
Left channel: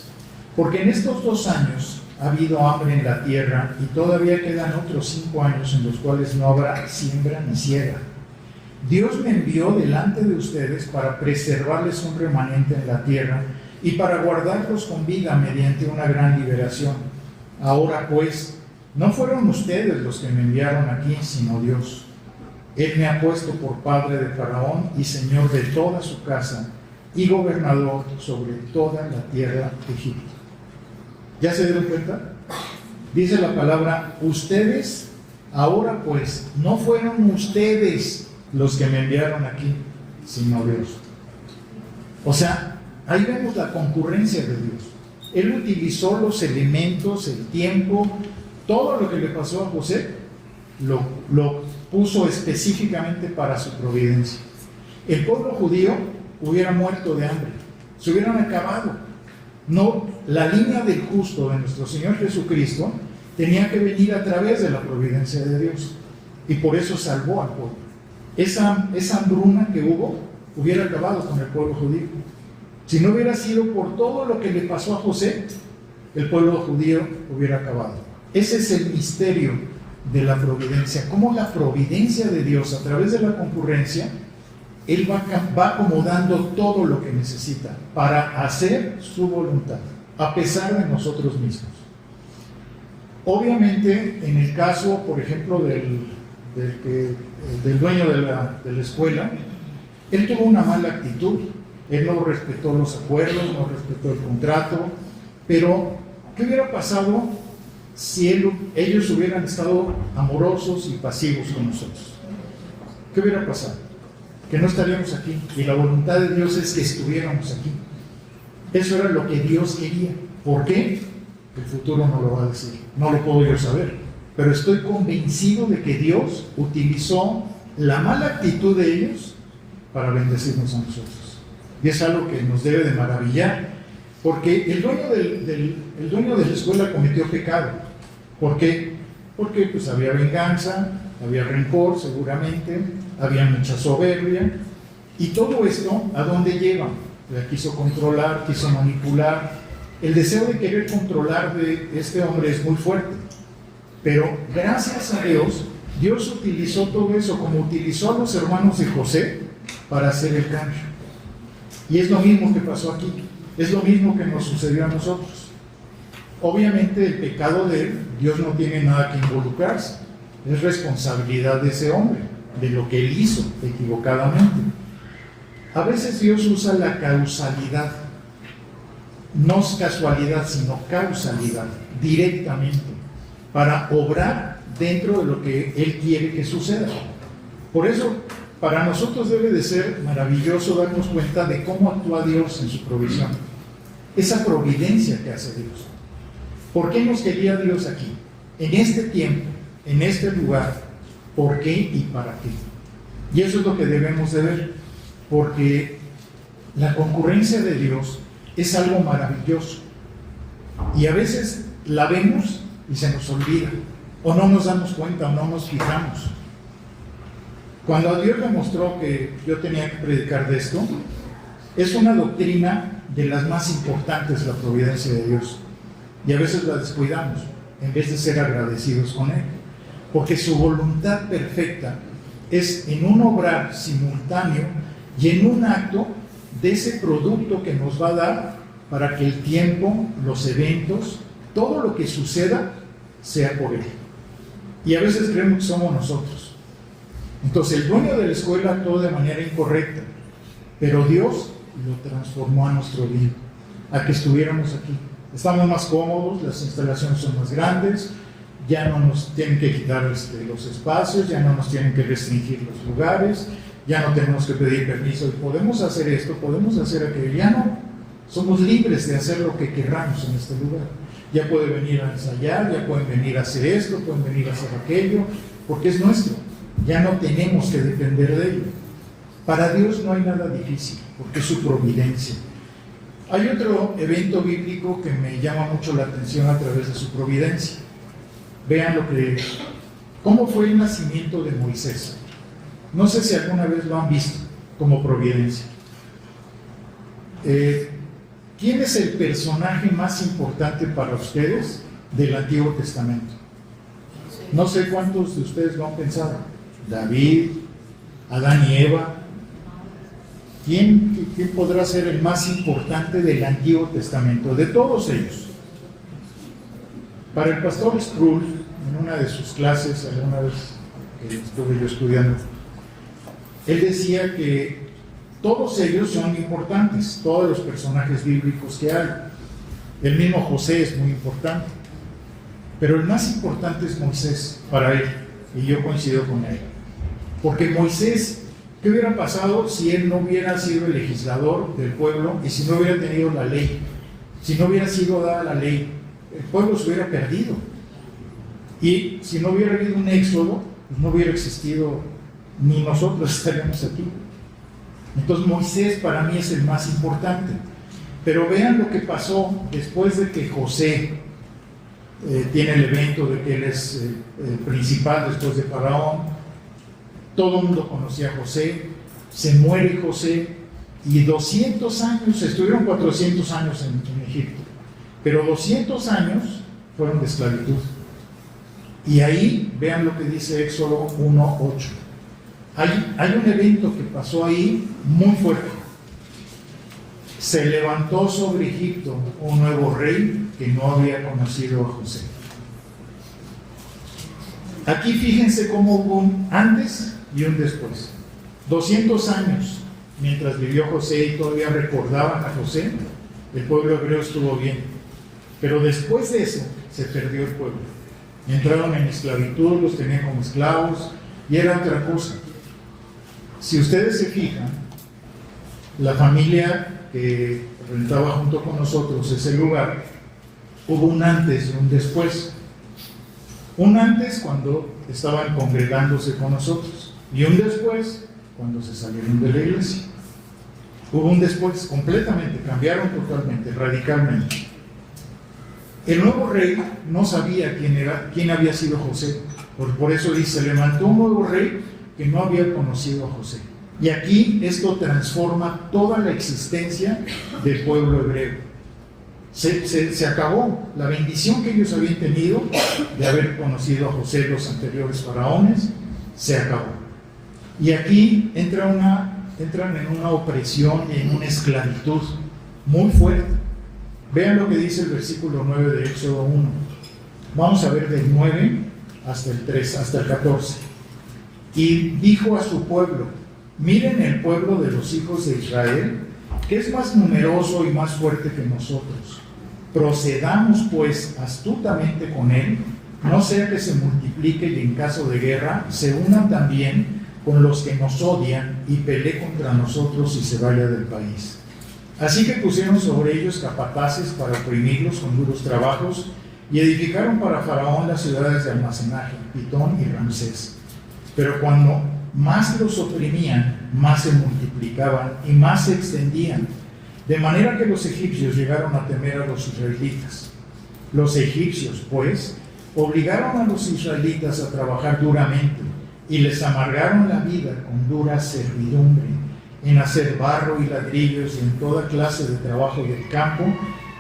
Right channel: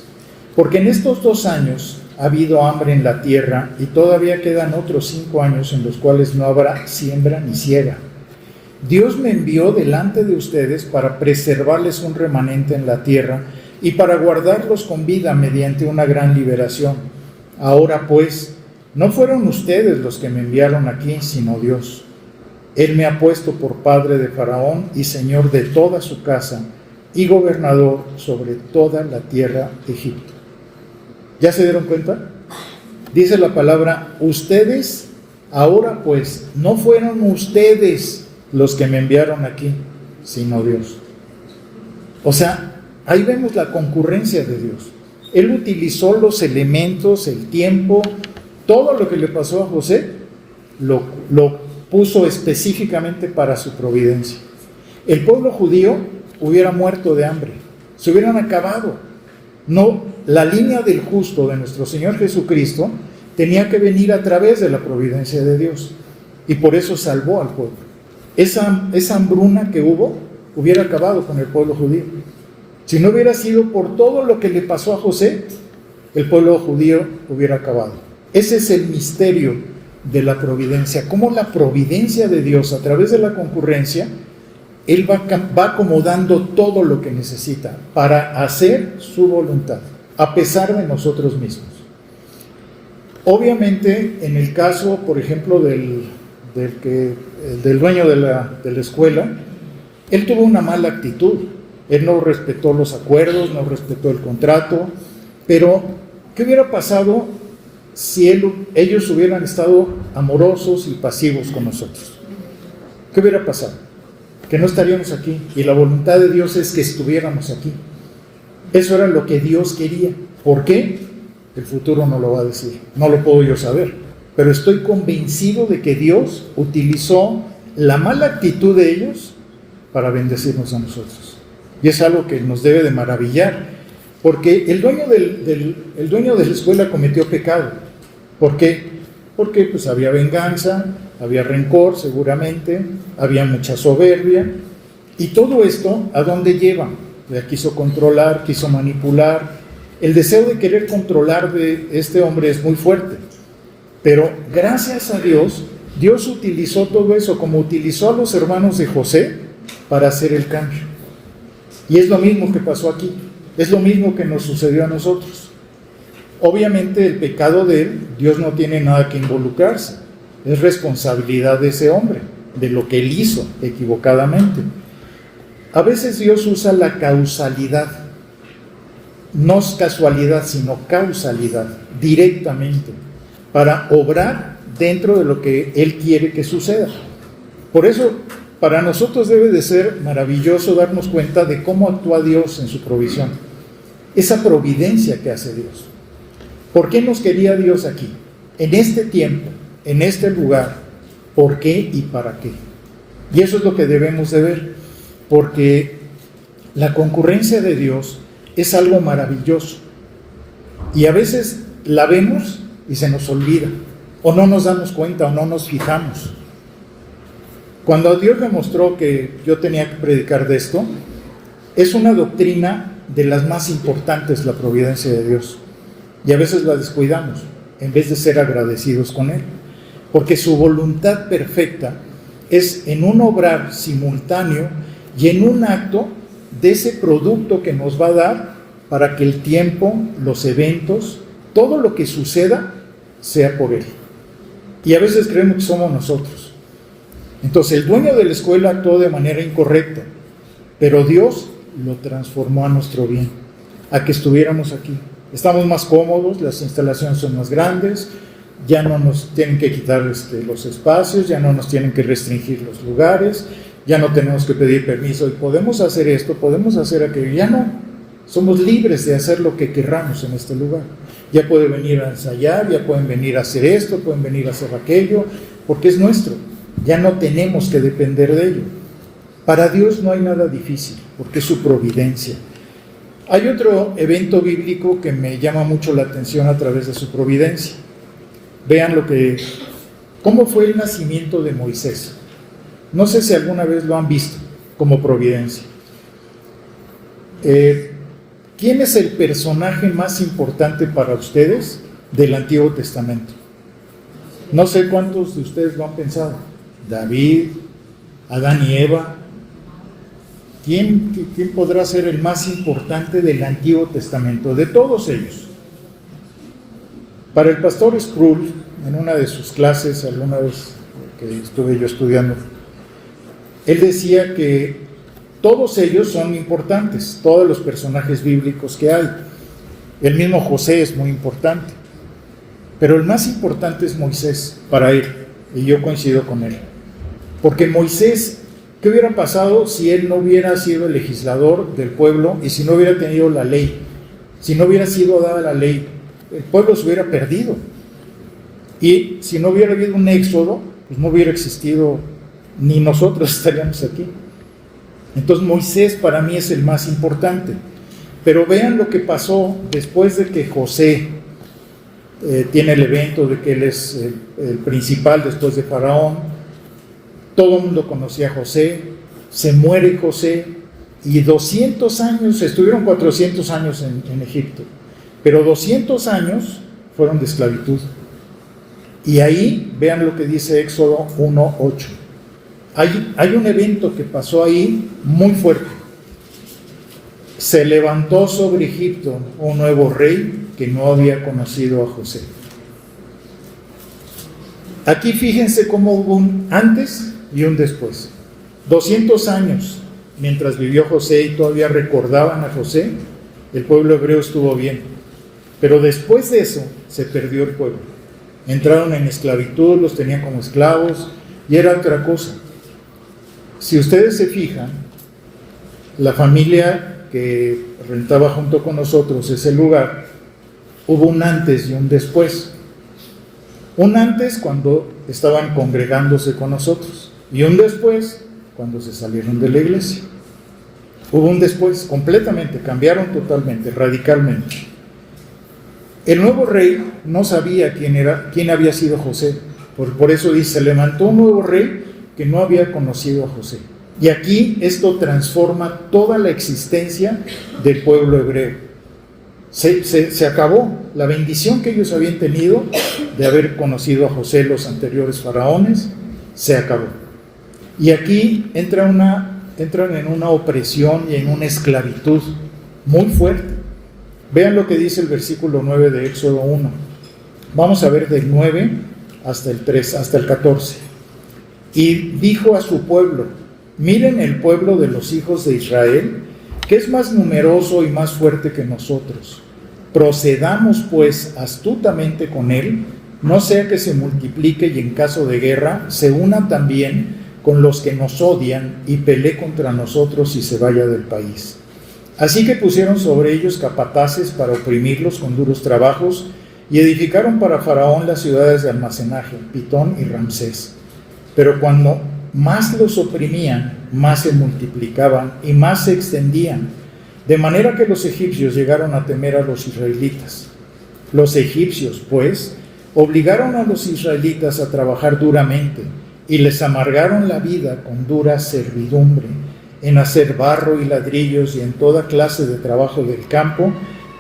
Porque en estos 2 años ha habido hambre en la tierra y todavía quedan otros 5 años en los cuales no habrá siembra ni siega. Dios me envió delante de ustedes para preservarles un remanente en la tierra y para guardarlos con vida mediante una gran liberación. Ahora pues, no fueron ustedes los que me enviaron aquí, sino Dios. Él me ha puesto por padre de Faraón y señor de toda su casa y gobernador sobre toda la tierra de Egipto. ¿Ya se dieron cuenta? Dice la palabra, ustedes, ahora pues, no fueron ustedes los que me enviaron aquí, sino Dios. O sea, ahí vemos la concurrencia de Dios. Él utilizó los elementos, el tiempo, todo lo que le pasó a José, lo puso específicamente para su providencia. El pueblo judío hubiera muerto de hambre, se hubieran acabado. No, la línea del justo de nuestro Señor Jesucristo tenía que venir a través de la providencia de Dios, y por eso salvó al pueblo. Esa hambruna que hubiera acabado con el pueblo judío. Si no hubiera sido por todo lo que le pasó a José, el pueblo judío hubiera acabado. Ese es el misterio de la providencia, cómo la providencia de Dios a través de la concurrencia, Él va acomodando todo lo que necesita para hacer su voluntad, a pesar de nosotros mismos. Obviamente, en el caso, por ejemplo, del dueño de la escuela, él tuvo una mala actitud. Él no respetó los acuerdos, no respetó el contrato, pero ¿qué hubiera pasado si ellos hubieran estado amorosos y pasivos con nosotros? ¿Qué hubiera pasado? Que no estaríamos aquí, y la voluntad de Dios es que estuviéramos aquí. Eso era lo que Dios quería. ¿Por qué? El futuro no lo va a decir, no lo puedo yo saber, pero estoy convencido de que Dios utilizó la mala actitud de ellos para bendecirnos a nosotros. Y es algo que nos debe de maravillar, porque el dueño de la escuela cometió pecado. ¿Por qué? Porque pues había venganza, había rencor seguramente, había mucha soberbia, y todo esto, ¿a dónde lleva? Ya quiso controlar, quiso manipular. El deseo de querer controlar de este hombre es muy fuerte, pero gracias a Dios, Dios utilizó todo eso, como utilizó a los hermanos de José para hacer el cambio. Y es lo mismo que pasó aquí, es lo mismo que nos sucedió a nosotros. Obviamente el pecado de él, Dios no tiene nada que involucrarse, es responsabilidad de ese hombre, de lo que él hizo equivocadamente. A veces Dios usa la causalidad, no es casualidad, sino causalidad, directamente, para obrar dentro de lo que Él quiere que suceda. Por eso, para nosotros debe de ser maravilloso darnos cuenta de cómo actúa Dios en su provisión, esa providencia que hace Dios. ¿Por qué nos quería Dios aquí, en este tiempo, en este lugar? ¿Por qué y para qué? Y eso es lo que debemos de ver, porque la concurrencia de Dios es algo maravilloso, y a veces la vemos y se nos olvida, o no nos damos cuenta, o no nos fijamos. Cuando Dios me mostró que yo tenía que predicar de esto, es una doctrina de las más importantes, la providencia de Dios, y a veces la descuidamos en vez de ser agradecidos con Él, porque su voluntad perfecta es en un obrar simultáneo y en un acto de ese producto que nos va a dar para que el tiempo, los eventos, todo lo que suceda sea por Él. Y a veces creemos que somos nosotros. Entonces el dueño de la escuela actuó de manera incorrecta, pero Dios lo transformó a nuestro bien, a que estuviéramos aquí. Estamos más cómodos, las instalaciones son más grandes, ya no nos tienen que quitar los espacios, ya no nos tienen que restringir los lugares, ya no tenemos que pedir permiso, y podemos hacer esto, podemos hacer aquello, ya no, somos libres de hacer lo que querramos en este lugar. Ya pueden venir a ensayar, ya pueden venir a hacer esto, pueden venir a hacer aquello, porque es nuestro, ya no tenemos que depender de ello. Para Dios no hay nada difícil, porque es su providencia. Hay otro evento bíblico que me llama mucho la atención a través de su providencia. Vean ¿Cómo fue el nacimiento de Moisés? No sé si alguna vez lo han visto como providencia. ¿Quién es el personaje más importante para ustedes del Antiguo Testamento? No sé cuántos de ustedes lo han pensado. David, Adán y Eva. ¿Quién podrá ser el más importante del Antiguo Testamento? De todos ellos. Para el pastor Sproul, en una de sus clases, alguna vez que estuve yo estudiando, él decía que todos ellos son importantes, todos los personajes bíblicos que hay. El mismo José es muy importante, pero el más importante es Moisés para él, y yo coincido con él. Porque Moisés, ¿qué hubiera pasado si él no hubiera sido el legislador del pueblo y si no hubiera tenido la ley? Si no hubiera sido dada la ley, el pueblo se hubiera perdido. Y si no hubiera habido un éxodo, pues no hubiera existido, ni nosotros estaríamos aquí. Entonces Moisés para mí es el más importante. Pero vean lo que pasó después de que José tiene el evento de que él es el principal después de Faraón. Todo el mundo conocía a José, se muere José y 200 años, estuvieron 400 años en Egipto, pero 200 años fueron de esclavitud. Y ahí, vean lo que dice Éxodo 1:8. Hay un evento que pasó ahí muy fuerte. Se levantó sobre Egipto un nuevo rey que no había conocido a José. Aquí fíjense cómo hubo un antes y un después. 200 años mientras vivió José y todavía recordaban a José, el pueblo hebreo estuvo bien. Pero después de eso se perdió el pueblo. Entraron en esclavitud, los tenían como esclavos y era otra cosa. Si ustedes se fijan, la familia que rentaba junto con nosotros ese lugar, hubo un antes y un después. Un antes cuando estaban congregándose con nosotros y un después cuando se salieron de la iglesia. Hubo un después, completamente, cambiaron totalmente, radicalmente. El nuevo rey no sabía quién había sido José. Por eso dice, levantó un nuevo rey que no había conocido a José. Y aquí esto transforma toda la existencia del pueblo hebreo. Se acabó la bendición que ellos habían tenido de haber conocido a José, los anteriores faraones, se acabó. Y aquí entran en una opresión y en una esclavitud muy fuerte. Vean lo que dice el versículo 9 de Éxodo 1. Vamos a ver del 9 hasta el 3, hasta el 14. Y dijo a su pueblo, miren el pueblo de los hijos de Israel, que es más numeroso y más fuerte que nosotros. Procedamos pues astutamente con él, no sea que se multiplique y en caso de guerra se una también con los que nos odian y pelee contra nosotros y se vaya del país. Así que pusieron sobre ellos capataces para oprimirlos con duros trabajos y edificaron para Faraón las ciudades de almacenaje, Pitón y Ramsés. Pero cuando más los oprimían, más se multiplicaban y más se extendían, de manera que los egipcios llegaron a temer a los israelitas. Los egipcios, pues, obligaron a los israelitas a trabajar duramente y les amargaron la vida con dura servidumbre, en hacer barro y ladrillos y en toda clase de trabajo del campo.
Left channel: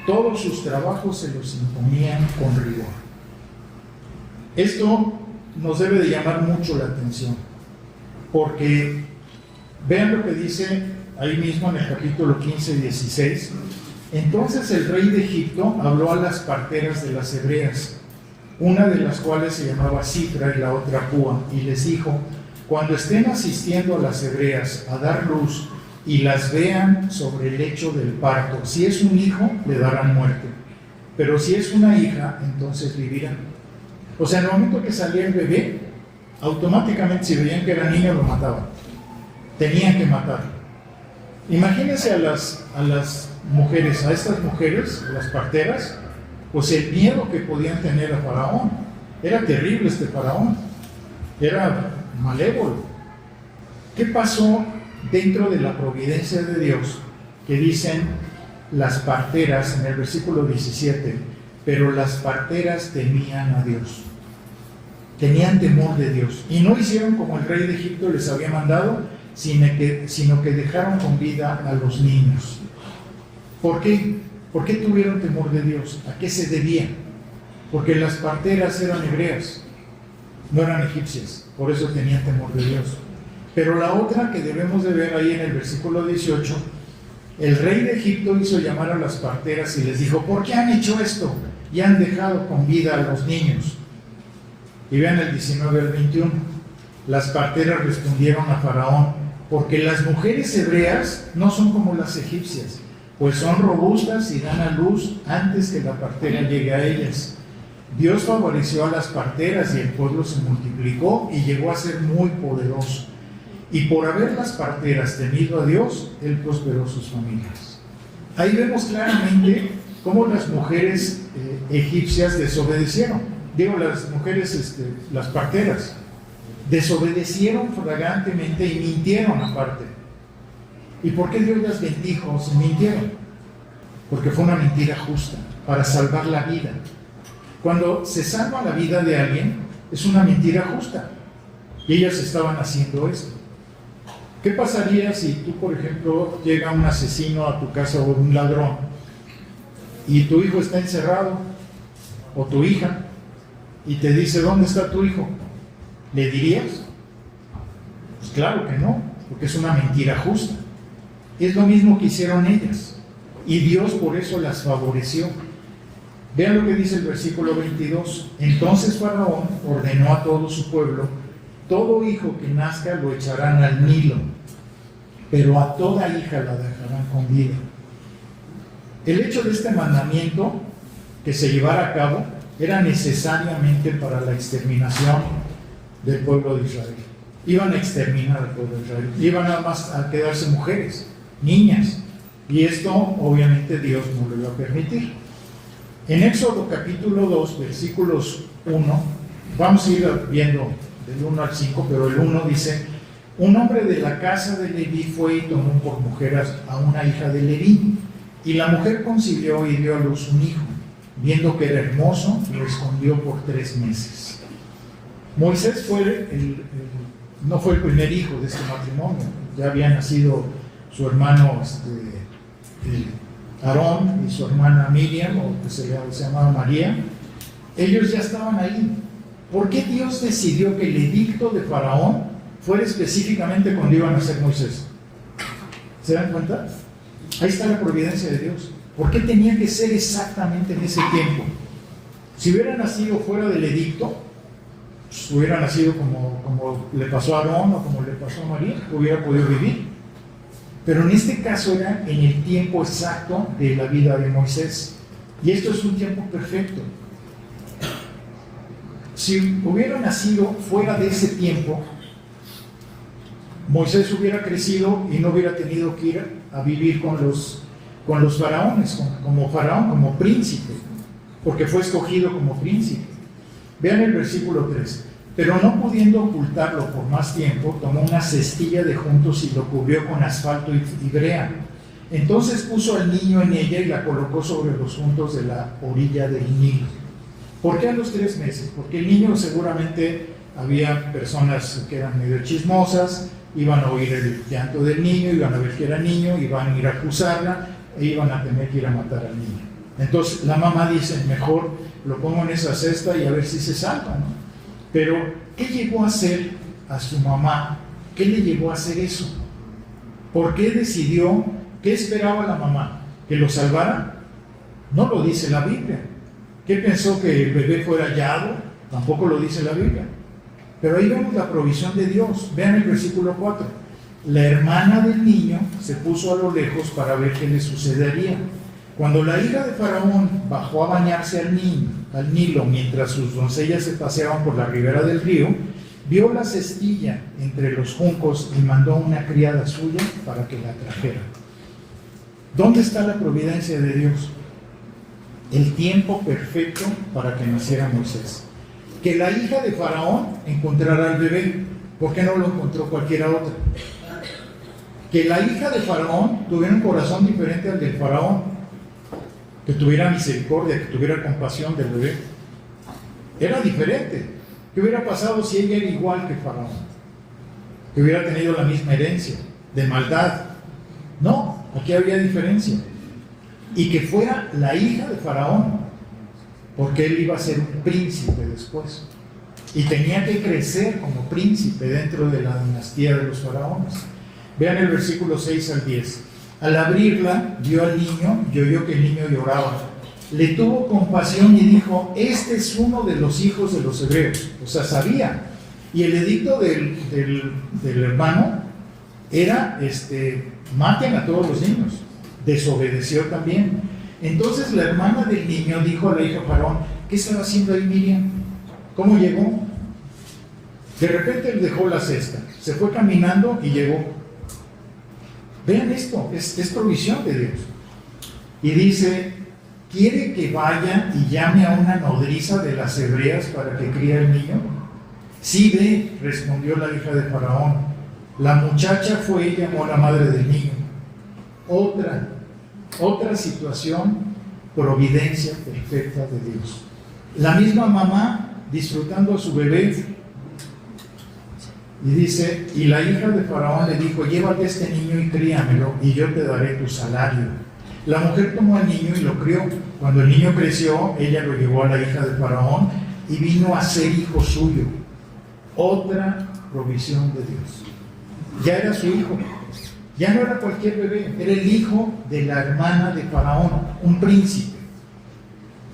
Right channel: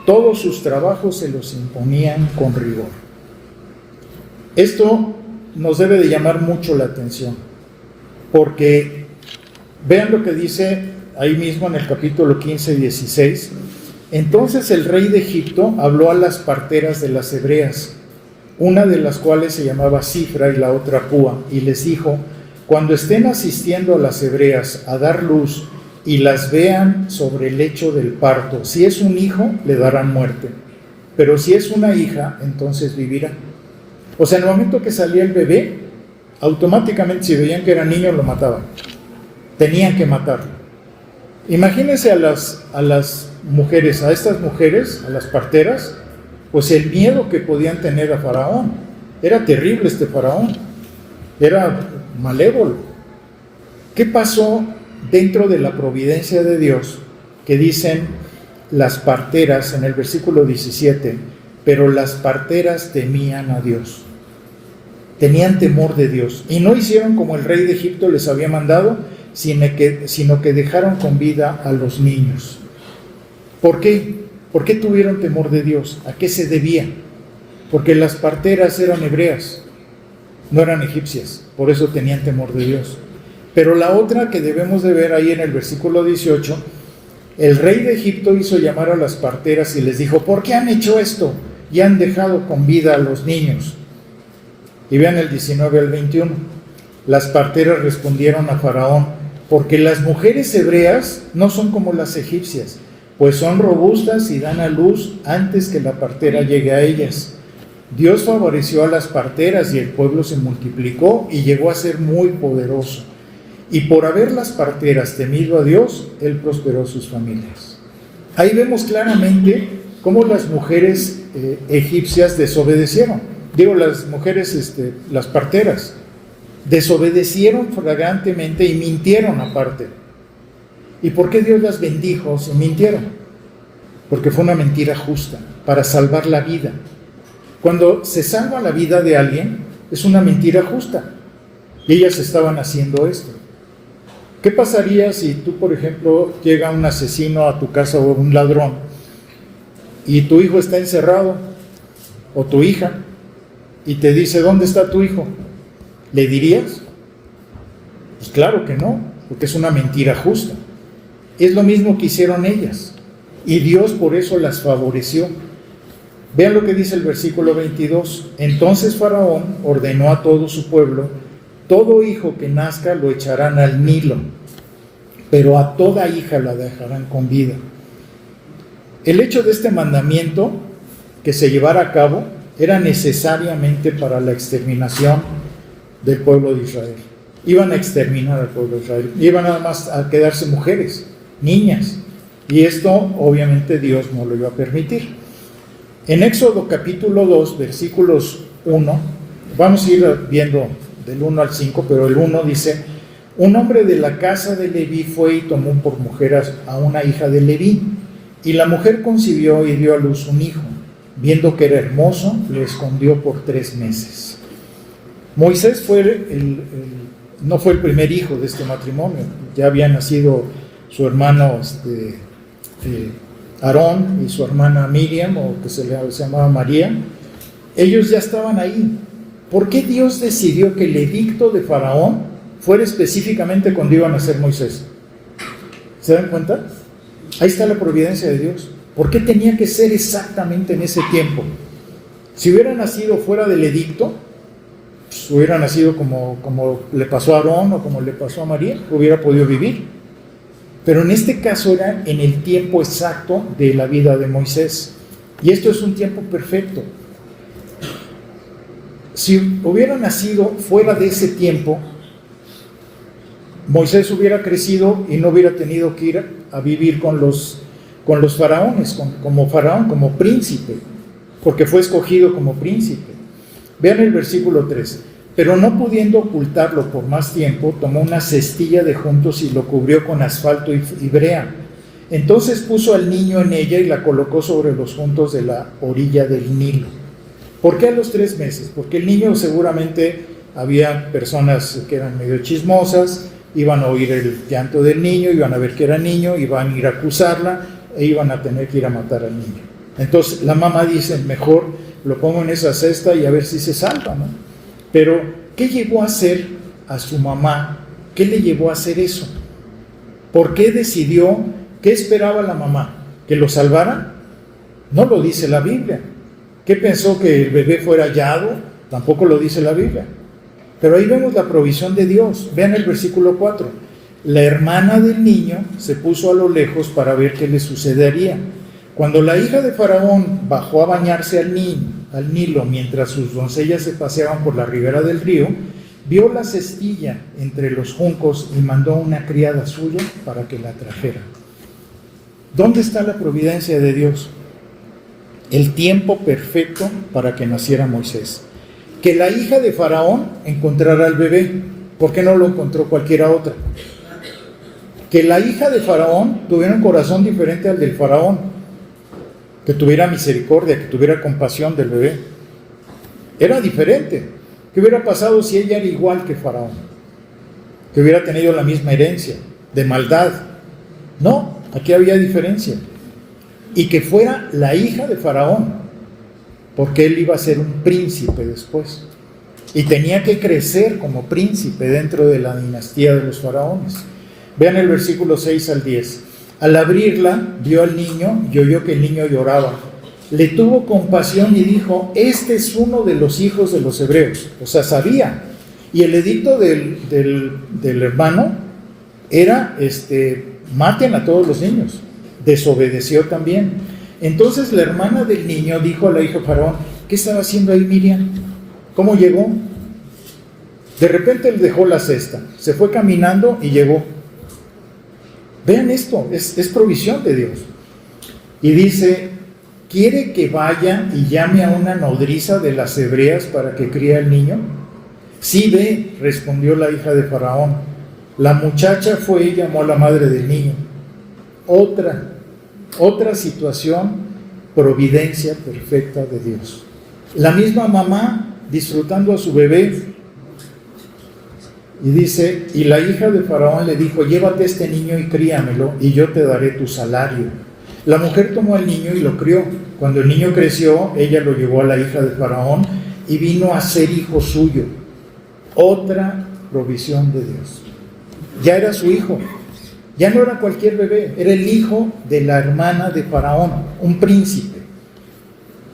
Todos sus trabajos se los imponían con rigor. Esto nos debe de llamar mucho la atención, porque vean lo que dice ahí mismo en el capítulo 15, 16. Entonces el rey de Egipto habló a las parteras de las hebreas, una de las cuales se llamaba Cifra y la otra Púa, y les dijo, cuando estén asistiendo a las hebreas a dar luz y las vean sobre el lecho del parto, si es un hijo, le darán muerte, pero si es una hija, entonces vivirá. O sea, en el momento que salía el bebé, automáticamente si veían que era niño, lo mataban. Tenían que matarlo. Imagínense a las mujeres, a estas mujeres, a las parteras, pues el miedo que podían tener a Faraón. Era terrible este Faraón. Era malévolo. ¿Qué pasó dentro de la providencia de Dios? Que dicen las parteras en el versículo 17, pero las parteras temían a Dios. tenían temor de Dios y no hicieron como el rey de Egipto les había mandado, sino que dejaron con vida a los niños. ¿Por qué? ¿Por qué tuvieron temor de Dios? ¿A qué se debía? Porque las parteras eran hebreas, no eran egipcias, por eso tenían temor de Dios. Pero la otra que debemos de ver ahí en el versículo 18, el rey de Egipto hizo llamar a las parteras y les dijo: ¿por qué han hecho esto? Y han dejado con vida a los niños. Y vean el 19 al 21. Las parteras respondieron a Faraón: porque las mujeres hebreas no son como las egipcias, pues son robustas y dan a luz antes que la partera llegue a ellas. Dios favoreció a las parteras y el pueblo se multiplicó y llegó a ser muy poderoso. Y por haber las parteras temido a Dios, Él prosperó sus familias. Ahí vemos claramente cómo las mujeres egipcias desobedecieron. Las mujeres, las parteras, desobedecieron flagrantemente y mintieron aparte. ¿Y por qué Dios las bendijo si mintieron? Porque fue una mentira justa, para salvar la vida. Cuando se salva la vida de alguien, es una mentira justa. Y ellas estaban haciendo esto. ¿Qué pasaría si tú, por ejemplo, llega un asesino a tu casa o un ladrón y tu hijo está encerrado, o tu hija, y te dice: ¿dónde está tu hijo? ¿Le dirías? Pues claro que no, porque es una mentira justa. Es lo mismo que hicieron ellas, y Dios por eso las favoreció. Vean lo que dice el versículo 22. Entonces Faraón ordenó a todo su pueblo: todo hijo que nazca lo echarán al Nilo, pero a toda hija la dejarán con vida. El hecho de este mandamiento que se llevara a cabo era necesariamente para la exterminación del pueblo de Israel. Iban a exterminar al pueblo de Israel. Iban nada más a quedarse mujeres, niñas. Y esto obviamente Dios no lo iba a permitir. En Éxodo capítulo 2, versículos 1, vamos a ir viendo del 1 al 5, pero el 1 dice: un hombre de la casa de Leví fue y tomó por mujer a una hija de Leví, y la mujer concibió y dio a luz un hijo. Viendo que era hermoso, lo escondió por 3 meses. Moisés no fue el primer hijo de este matrimonio. Ya había nacido su hermano Aarón y su hermana Miriam, o que se llamaba María. Ellos ya estaban ahí. ¿Por qué Dios decidió que el edicto de Faraón fuera específicamente cuando iba a nacer Moisés? ¿Se dan cuenta? Ahí está la providencia de Dios. ¿Por qué tenía que ser exactamente en ese tiempo? Si hubiera nacido fuera del edicto, pues hubiera nacido como le pasó a Aarón o como le pasó a María, hubiera podido vivir. Pero en este caso era en el tiempo exacto de la vida de Moisés. Y esto es un tiempo perfecto. Si hubiera nacido fuera de ese tiempo, Moisés hubiera crecido y no hubiera tenido que ir a vivir con los faraones, como faraón, como príncipe, porque fue escogido como príncipe. Vean el versículo 3. Pero no pudiendo ocultarlo por más tiempo, tomó una cestilla de juntos y lo cubrió con asfalto y brea. Entonces puso al niño en ella y la colocó sobre los juntos de la orilla del Nilo. ¿Por qué a los 3 meses? Porque el niño seguramente había personas que eran medio chismosas, iban a oír el llanto del niño, iban a ver que era niño, iban a ir a acusarla e iban a tener que ir a matar al niño. Entonces la mamá dice: mejor lo pongo en esa cesta y a ver si se salva, ¿no? Pero ¿qué llevó a hacer a su mamá? ¿Qué le llevó a hacer eso? ¿Por qué decidió? ¿Qué esperaba la mamá? ¿Que lo salvara? No lo dice la Biblia. ¿Qué pensó? ¿Que el bebé fuera hallado? Tampoco lo dice la Biblia. Pero ahí vemos la provisión de Dios. Vean el versículo 4. La hermana del niño se puso a lo lejos para ver qué le sucedería. Cuando la hija de Faraón bajó a bañarse al Nilo mientras sus doncellas se paseaban por la ribera del río, vio la cestilla entre los juncos y mandó a una criada suya para que la trajera. ¿Dónde está la providencia de Dios? El tiempo perfecto para que naciera Moisés. Que la hija de Faraón encontrara al bebé. ¿Por qué no lo encontró cualquiera otra? Que la hija de Faraón tuviera un corazón diferente al del Faraón, que tuviera misericordia, que tuviera compasión del bebé. Era diferente. ¿Qué hubiera pasado si ella era igual que Faraón? Que hubiera tenido la misma herencia de maldad. No, aquí había diferencia. Y que fuera la hija de Faraón, porque él iba a ser un príncipe después. Y tenía que crecer como príncipe dentro de la dinastía de los faraones. Vean el versículo 6 al 10. Al abrirla, vio al niño y oyó que el niño lloraba. Le tuvo compasión y dijo: este es uno de los hijos de los hebreos. O sea, sabía. Y el edicto del hermano era, maten a todos los niños. Desobedeció también. Entonces la hermana del niño dijo a la hija de Faraón: ¿qué estaba haciendo ahí Miriam? ¿Cómo llegó? De repente él dejó la cesta, se fue caminando y llegó. Vean esto, es provisión de Dios. Y dice: ¿quiere que vaya y llame a una nodriza de las hebreas para que críe al niño? Sí, ve, respondió la hija de Faraón. La muchacha fue y llamó a la madre del niño. Otra situación, providencia perfecta de Dios. La misma mamá disfrutando a su bebé. Y dice: y la hija de Faraón le dijo: llévate a este niño y críamelo, y yo te daré tu salario. La mujer tomó al niño y lo crió. Cuando el niño creció, ella lo llevó a la hija de Faraón y vino a ser hijo suyo. Otra provisión de Dios. Ya era su hijo. Ya no era cualquier bebé, era el hijo de la hermana de Faraón, un príncipe.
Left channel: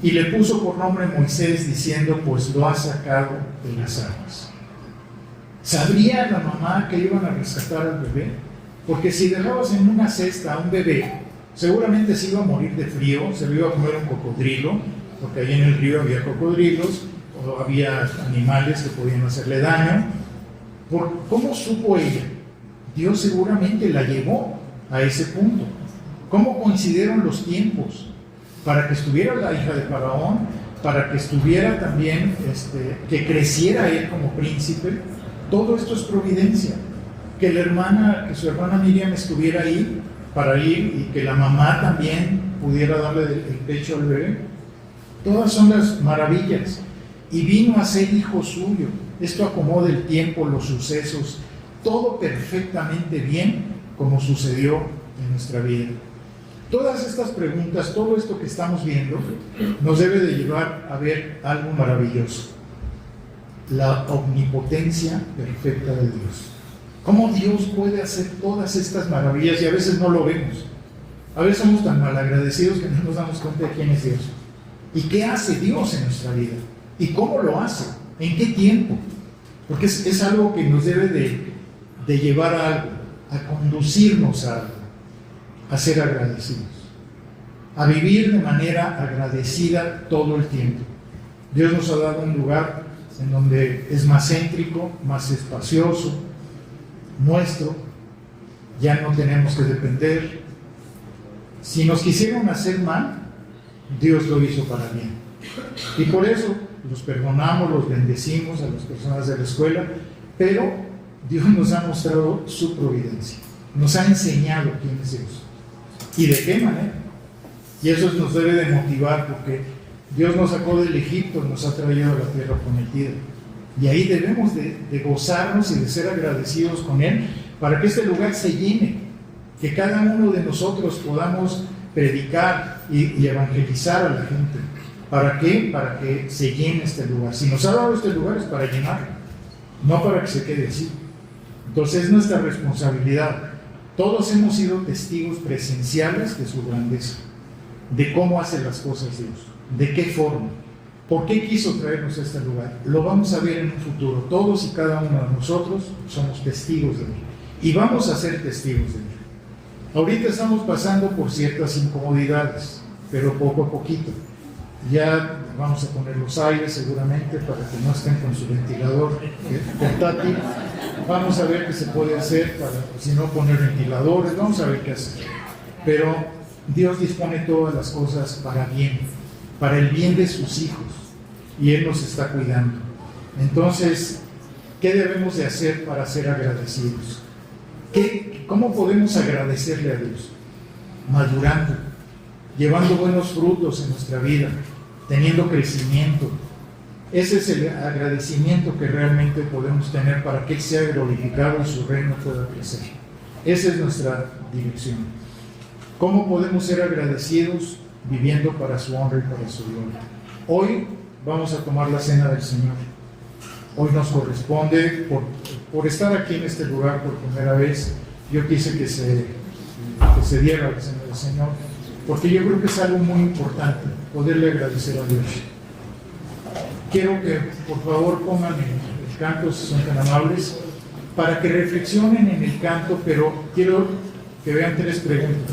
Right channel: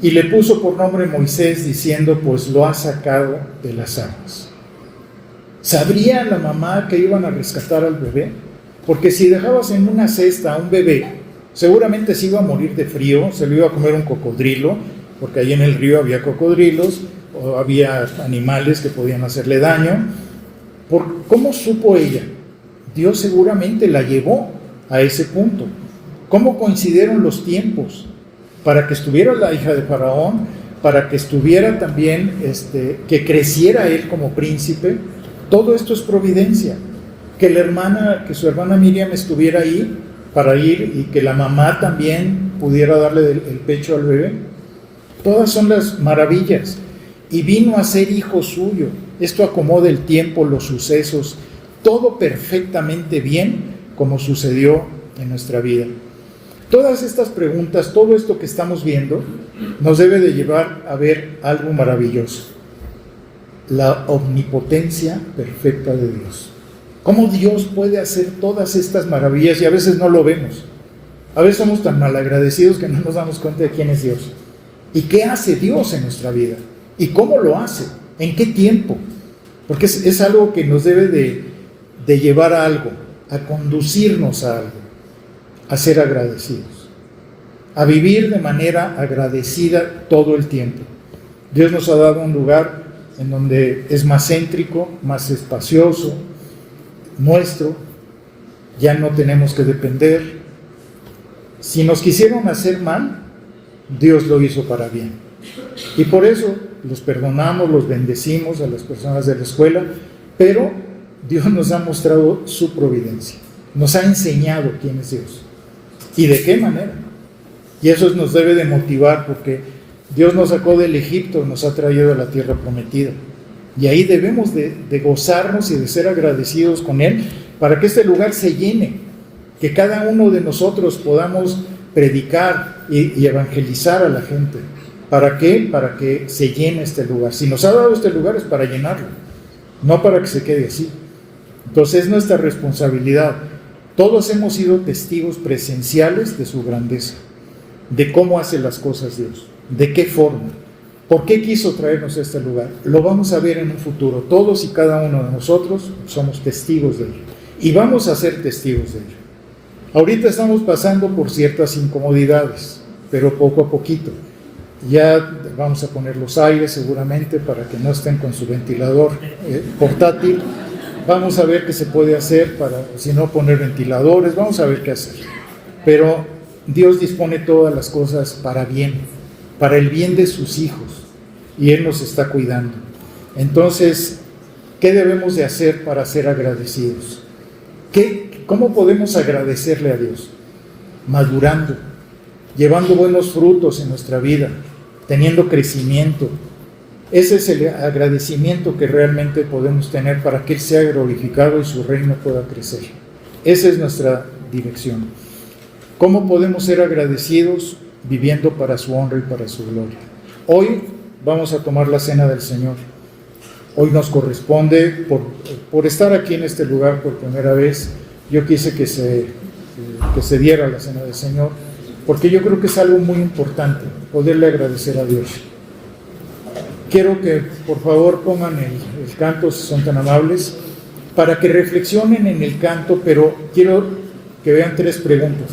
Y le puso por nombre Moisés, diciendo: pues lo ha sacado de las aguas. ¿Sabría la mamá que iban a rescatar al bebé? Porque si dejabas en una cesta a un bebé, seguramente se iba a morir de frío, se lo iba a comer un cocodrilo, porque ahí en el río había cocodrilos, o había animales que podían hacerle daño. ¿Cómo supo ella? Dios seguramente la llevó a ese punto. ¿Cómo coincidieron los tiempos? Para que estuviera la hija de Faraón, para que estuviera también, que creciera él como príncipe. Todo esto es providencia. Que su hermana Miriam estuviera ahí para ir, y que la mamá también pudiera darle el pecho al bebé. Todas son las maravillas. Y vino a ser hijo suyo. Esto acomoda el tiempo, los sucesos, todo perfectamente bien, como sucedió en nuestra vida. Todas estas preguntas, todo esto que estamos viendo, nos debe de llevar a ver algo maravilloso: la omnipotencia perfecta de Dios. ¿Cómo Dios puede hacer todas estas maravillas? Y a veces no lo vemos. A veces somos tan malagradecidos que no nos damos cuenta de quién es Dios. ¿Y qué hace Dios en nuestra vida? ¿Y cómo lo hace? ¿En qué tiempo? Porque es algo que nos debe de llevar a algo, a conducirnos a algo, a ser agradecidos, a vivir de manera agradecida todo el tiempo. Dios nos ha dado un lugar en donde es más céntrico, más espacioso, nuestro, ya no tenemos que depender. Si nos quisieron hacer mal, Dios lo hizo para bien. Y por eso los perdonamos, los bendecimos a las personas de la escuela, pero Dios nos ha mostrado su providencia, nos ha enseñado quién es Dios y de qué manera. Y eso nos debe de motivar, porque Dios nos sacó del Egipto, nos ha traído a la tierra prometida. Y ahí debemos de gozarnos y de ser agradecidos con Él, para que este lugar se llene, que cada uno de nosotros podamos predicar y evangelizar a la gente. ¿Para qué? Para que se llene este lugar. Si nos ha dado este lugar es para llenarlo, no para que se quede así. Entonces es nuestra responsabilidad. Todos hemos sido testigos presenciales de su grandeza, de cómo hace las cosas Dios, de qué forma, por qué quiso traernos a este lugar. Lo vamos a ver en un futuro. Todos y cada uno de nosotros somos testigos de ello, y vamos a ser testigos de ello. Ahorita estamos pasando por ciertas incomodidades, pero poco a poquito. Ya vamos a poner los aires seguramente para que no estén con su ventilador portátil. Vamos a ver qué se puede hacer para, si no, poner ventiladores. Vamos a ver qué hacer. Pero Dios dispone todas las cosas para bien, para el bien de sus hijos, y Él nos está cuidando. Entonces, ¿qué debemos de hacer para ser agradecidos? ¿Cómo podemos agradecerle a Dios? Madurando, llevando buenos frutos en nuestra vida, teniendo crecimiento, Ese es el agradecimiento que realmente podemos tener para que Él sea glorificado y su reino pueda crecer. Esa es nuestra dirección. ¿Cómo podemos ser agradecidos? Viviendo para su honra y para su gloria. Hoy vamos a tomar la cena del Señor. Hoy nos corresponde, por estar aquí en este lugar por primera vez, yo quise que se diera la cena del Señor, porque yo creo que es algo muy importante, poderle agradecer a Dios. Quiero que por favor pongan el canto, si son tan amables, para que reflexionen en el canto, pero quiero que vean 3 preguntas.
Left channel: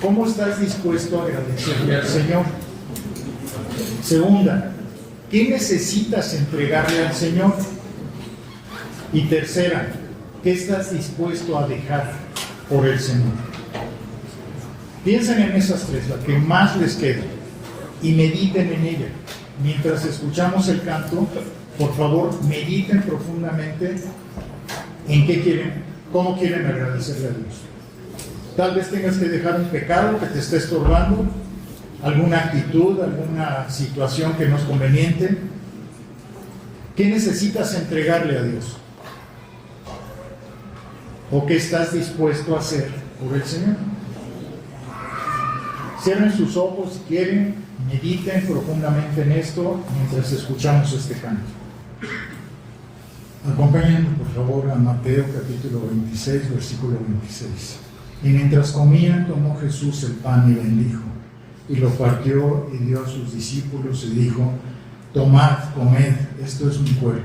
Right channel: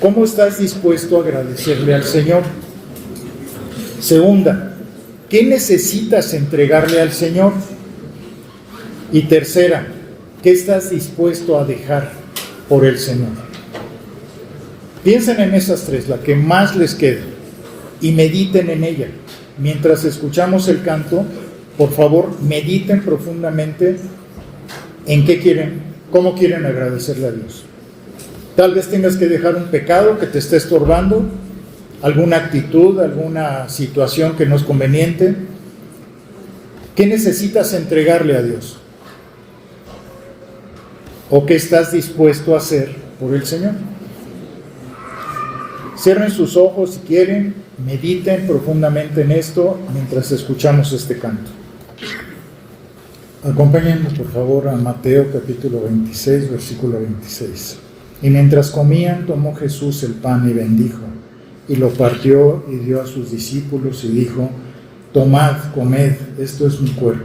¿Cómo estás dispuesto a agradecerle al Señor? Segunda, ¿qué necesitas entregarle al Señor? Y tercera, ¿qué estás dispuesto a dejar por el Señor? Piensen en esas 3, la que más les quede, y mediten en ella. Mientras escuchamos el canto, por favor, mediten profundamente en cómo quieren agradecerle a Dios. Tal vez tengas que dejar un pecado que te esté estorbando, alguna actitud, alguna situación que no es conveniente. ¿Qué necesitas entregarle a Dios? ¿O qué estás dispuesto a hacer por el Señor? Cierren sus ojos si quieren, mediten profundamente en esto mientras escuchamos este canto. Acompáñennos por favor a Mateo capítulo 26, versículo 26. Y mientras comían, tomó Jesús el pan y bendijo, y lo partió y dio a sus discípulos y dijo: tomad, comed, esto es mi cuerpo.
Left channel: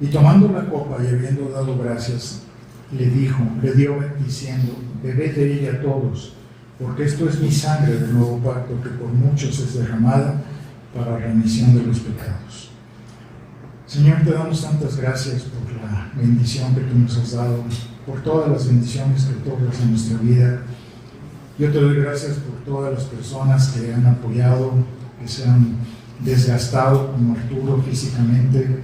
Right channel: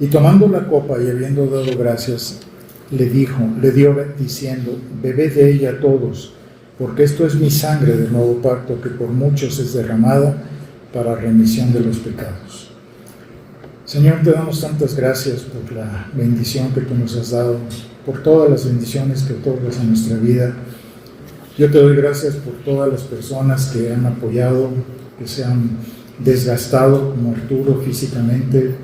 Y tomando la copa y habiendo dado gracias, le dio diciendo: bebed de ella todos, porque esto es mi sangre del nuevo pacto, que por muchos es derramada para remisión de los pecados. Señor, te damos tantas gracias por la bendición que tú nos has dado, por todas las bendiciones que otorgas en nuestra vida. Yo te doy gracias por todas las personas que han apoyado, que se han desgastado, como Arturo físicamente,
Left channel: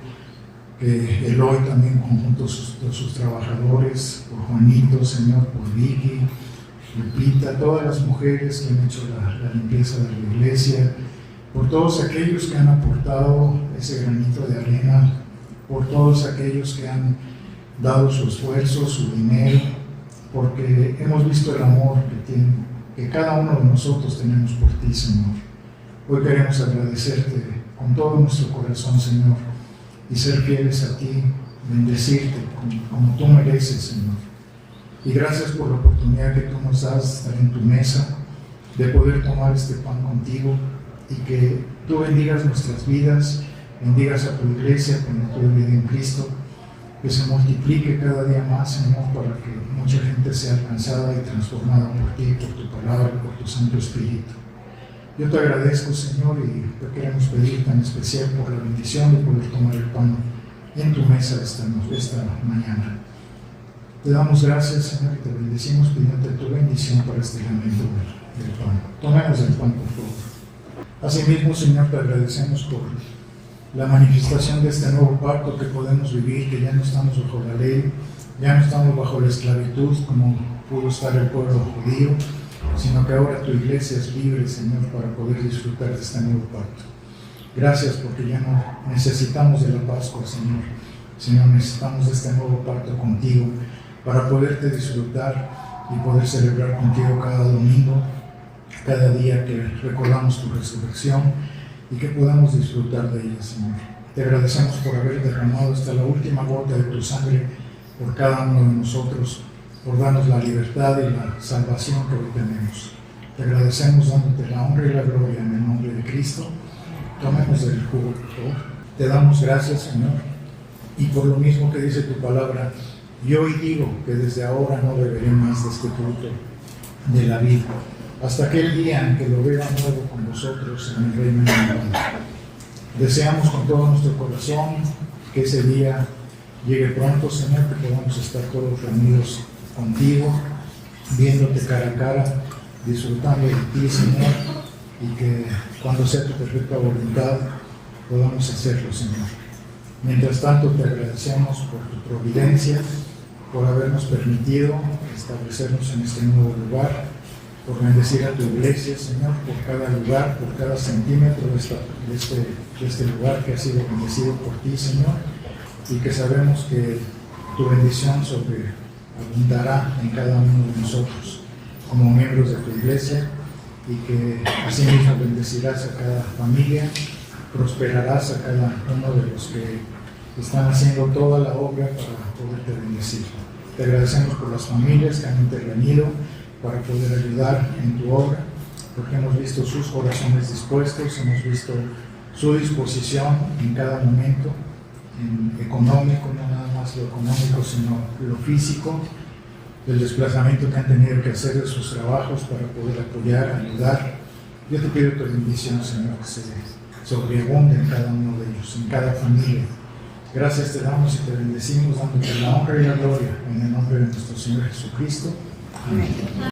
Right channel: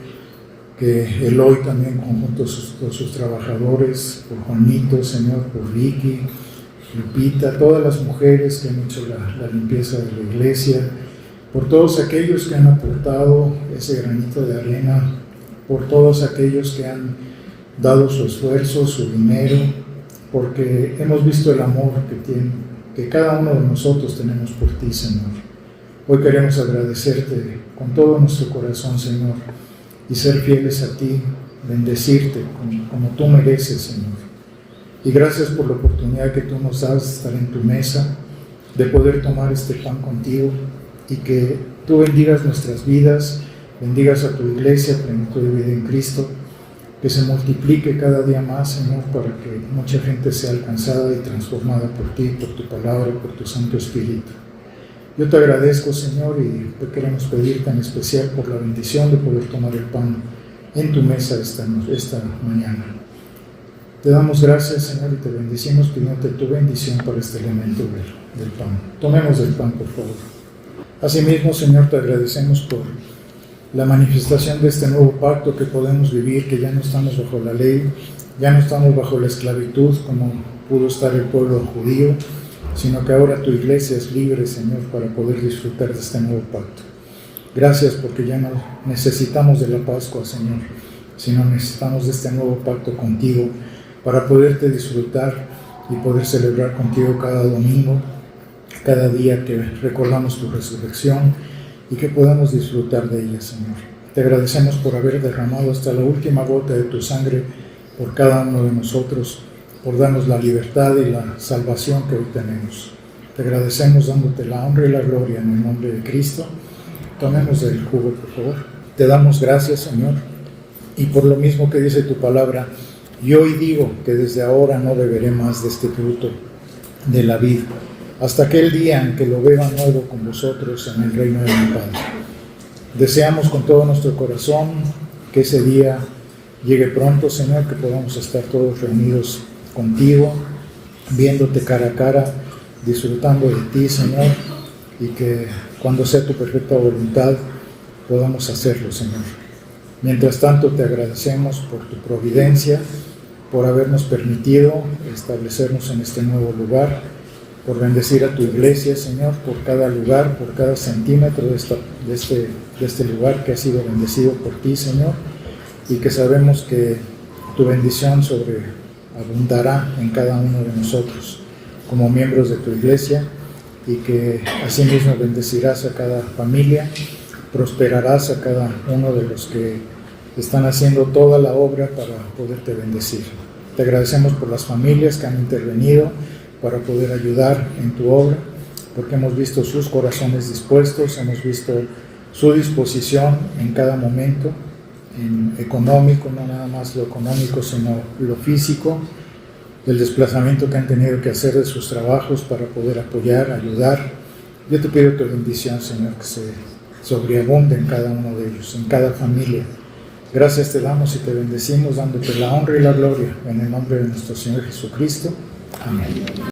que Eloy también junto a sus trabajadores, por Juanito, Señor, por Vicky, Lupita, todas las mujeres que han hecho la limpieza de la iglesia, por todos aquellos que han aportado ese granito de arena, por todos aquellos que han dado su esfuerzo, su dinero, porque hemos visto el amor que cada uno de nosotros tenemos por ti, Señor. Hoy queremos agradecerte con todo nuestro corazón, Señor, y ser fieles a ti, bendecirte como tú mereces, Señor. Y gracias por la oportunidad que tú nos das de estar en tu mesa, de poder tomar este pan contigo, y que tú bendigas nuestras vidas, bendigas a tu iglesia, plenitud de vida en Cristo, que se multiplique cada día más, Señor, para que mucha gente sea alcanzada y transformada por ti, por tu palabra, por tu Santo Espíritu. Yo te agradezco, Señor, y te queremos pedirte en especial por la bendición de poder tomar el pan en tu mesa esta mañana. Te damos gracias, Señor, y te bendecimos pidiéndote tu bendición para este elemento del pan. Tomemos el pan, por favor. Asimismo, Señor, te agradecemos por la manifestación de este nuevo pacto que podemos vivir, que ya no estamos bajo la ley, ya no estamos bajo la esclavitud como pudo estar el pueblo judío, sino que ahora tu iglesia es libre, Señor, para poder disfrutar de este nuevo pacto. Gracias porque ya no necesitamos de la Pascua, Señor, sino necesitamos de este nuevo pacto contigo para poderte disfrutar y poder celebrar contigo cada domingo, cada día que recordamos tu resurrección y que podamos disfrutar de ella, Señor. Te agradecemos por haber derramado hasta la última gota de tu sangre por cada uno de nosotros, por darnos la libertad y la salvación que hoy tenemos. Te agradecemos dándote la honra y la gloria en el nombre de Cristo. Tomemos el jugo, por favor. Te damos gracias, Señor, y por lo mismo que dice tu palabra, yo hoy digo que desde ahora no beberé más de este fruto de la vid, hasta aquel día en que lo beba nuevo con vosotros en el reino de mi Padre. Deseamos con todo nuestro corazón que ese día llegue pronto, Señor, que podamos estar todos reunidos contigo, viéndote cara a cara, disfrutando de ti, Señor, y que cuando sea tu perfecta voluntad podamos hacerlo, Señor. Mientras tanto, te agradecemos por tu providencia, por habernos permitido establecernos en este nuevo lugar, por bendecir a tu iglesia, Señor, por cada lugar, por cada centímetro de este lugar que ha sido bendecido por ti, Señor, y que sabemos que tu bendición sobreabundará en cada uno de nosotros como miembros de tu iglesia, y que asimismo bendecirás a cada familia, prosperarás a cada uno de los que están haciendo toda la obra para poderte bendecir. Te agradecemos por las familias que han intervenido para poder ayudar en tu obra, porque hemos visto sus corazones dispuestos, hemos visto su disposición en cada momento, en económico, no nada más lo económico, sino lo físico, el desplazamiento que han tenido que hacer de sus trabajos para poder apoyar, ayudar. Yo te pido tu bendición, Señor, que se sobreabunde en cada uno de ellos, en cada familia. Gracias te damos y te bendecimos, dándote la honra y la gloria en el nombre de nuestro Señor Jesucristo. Amén.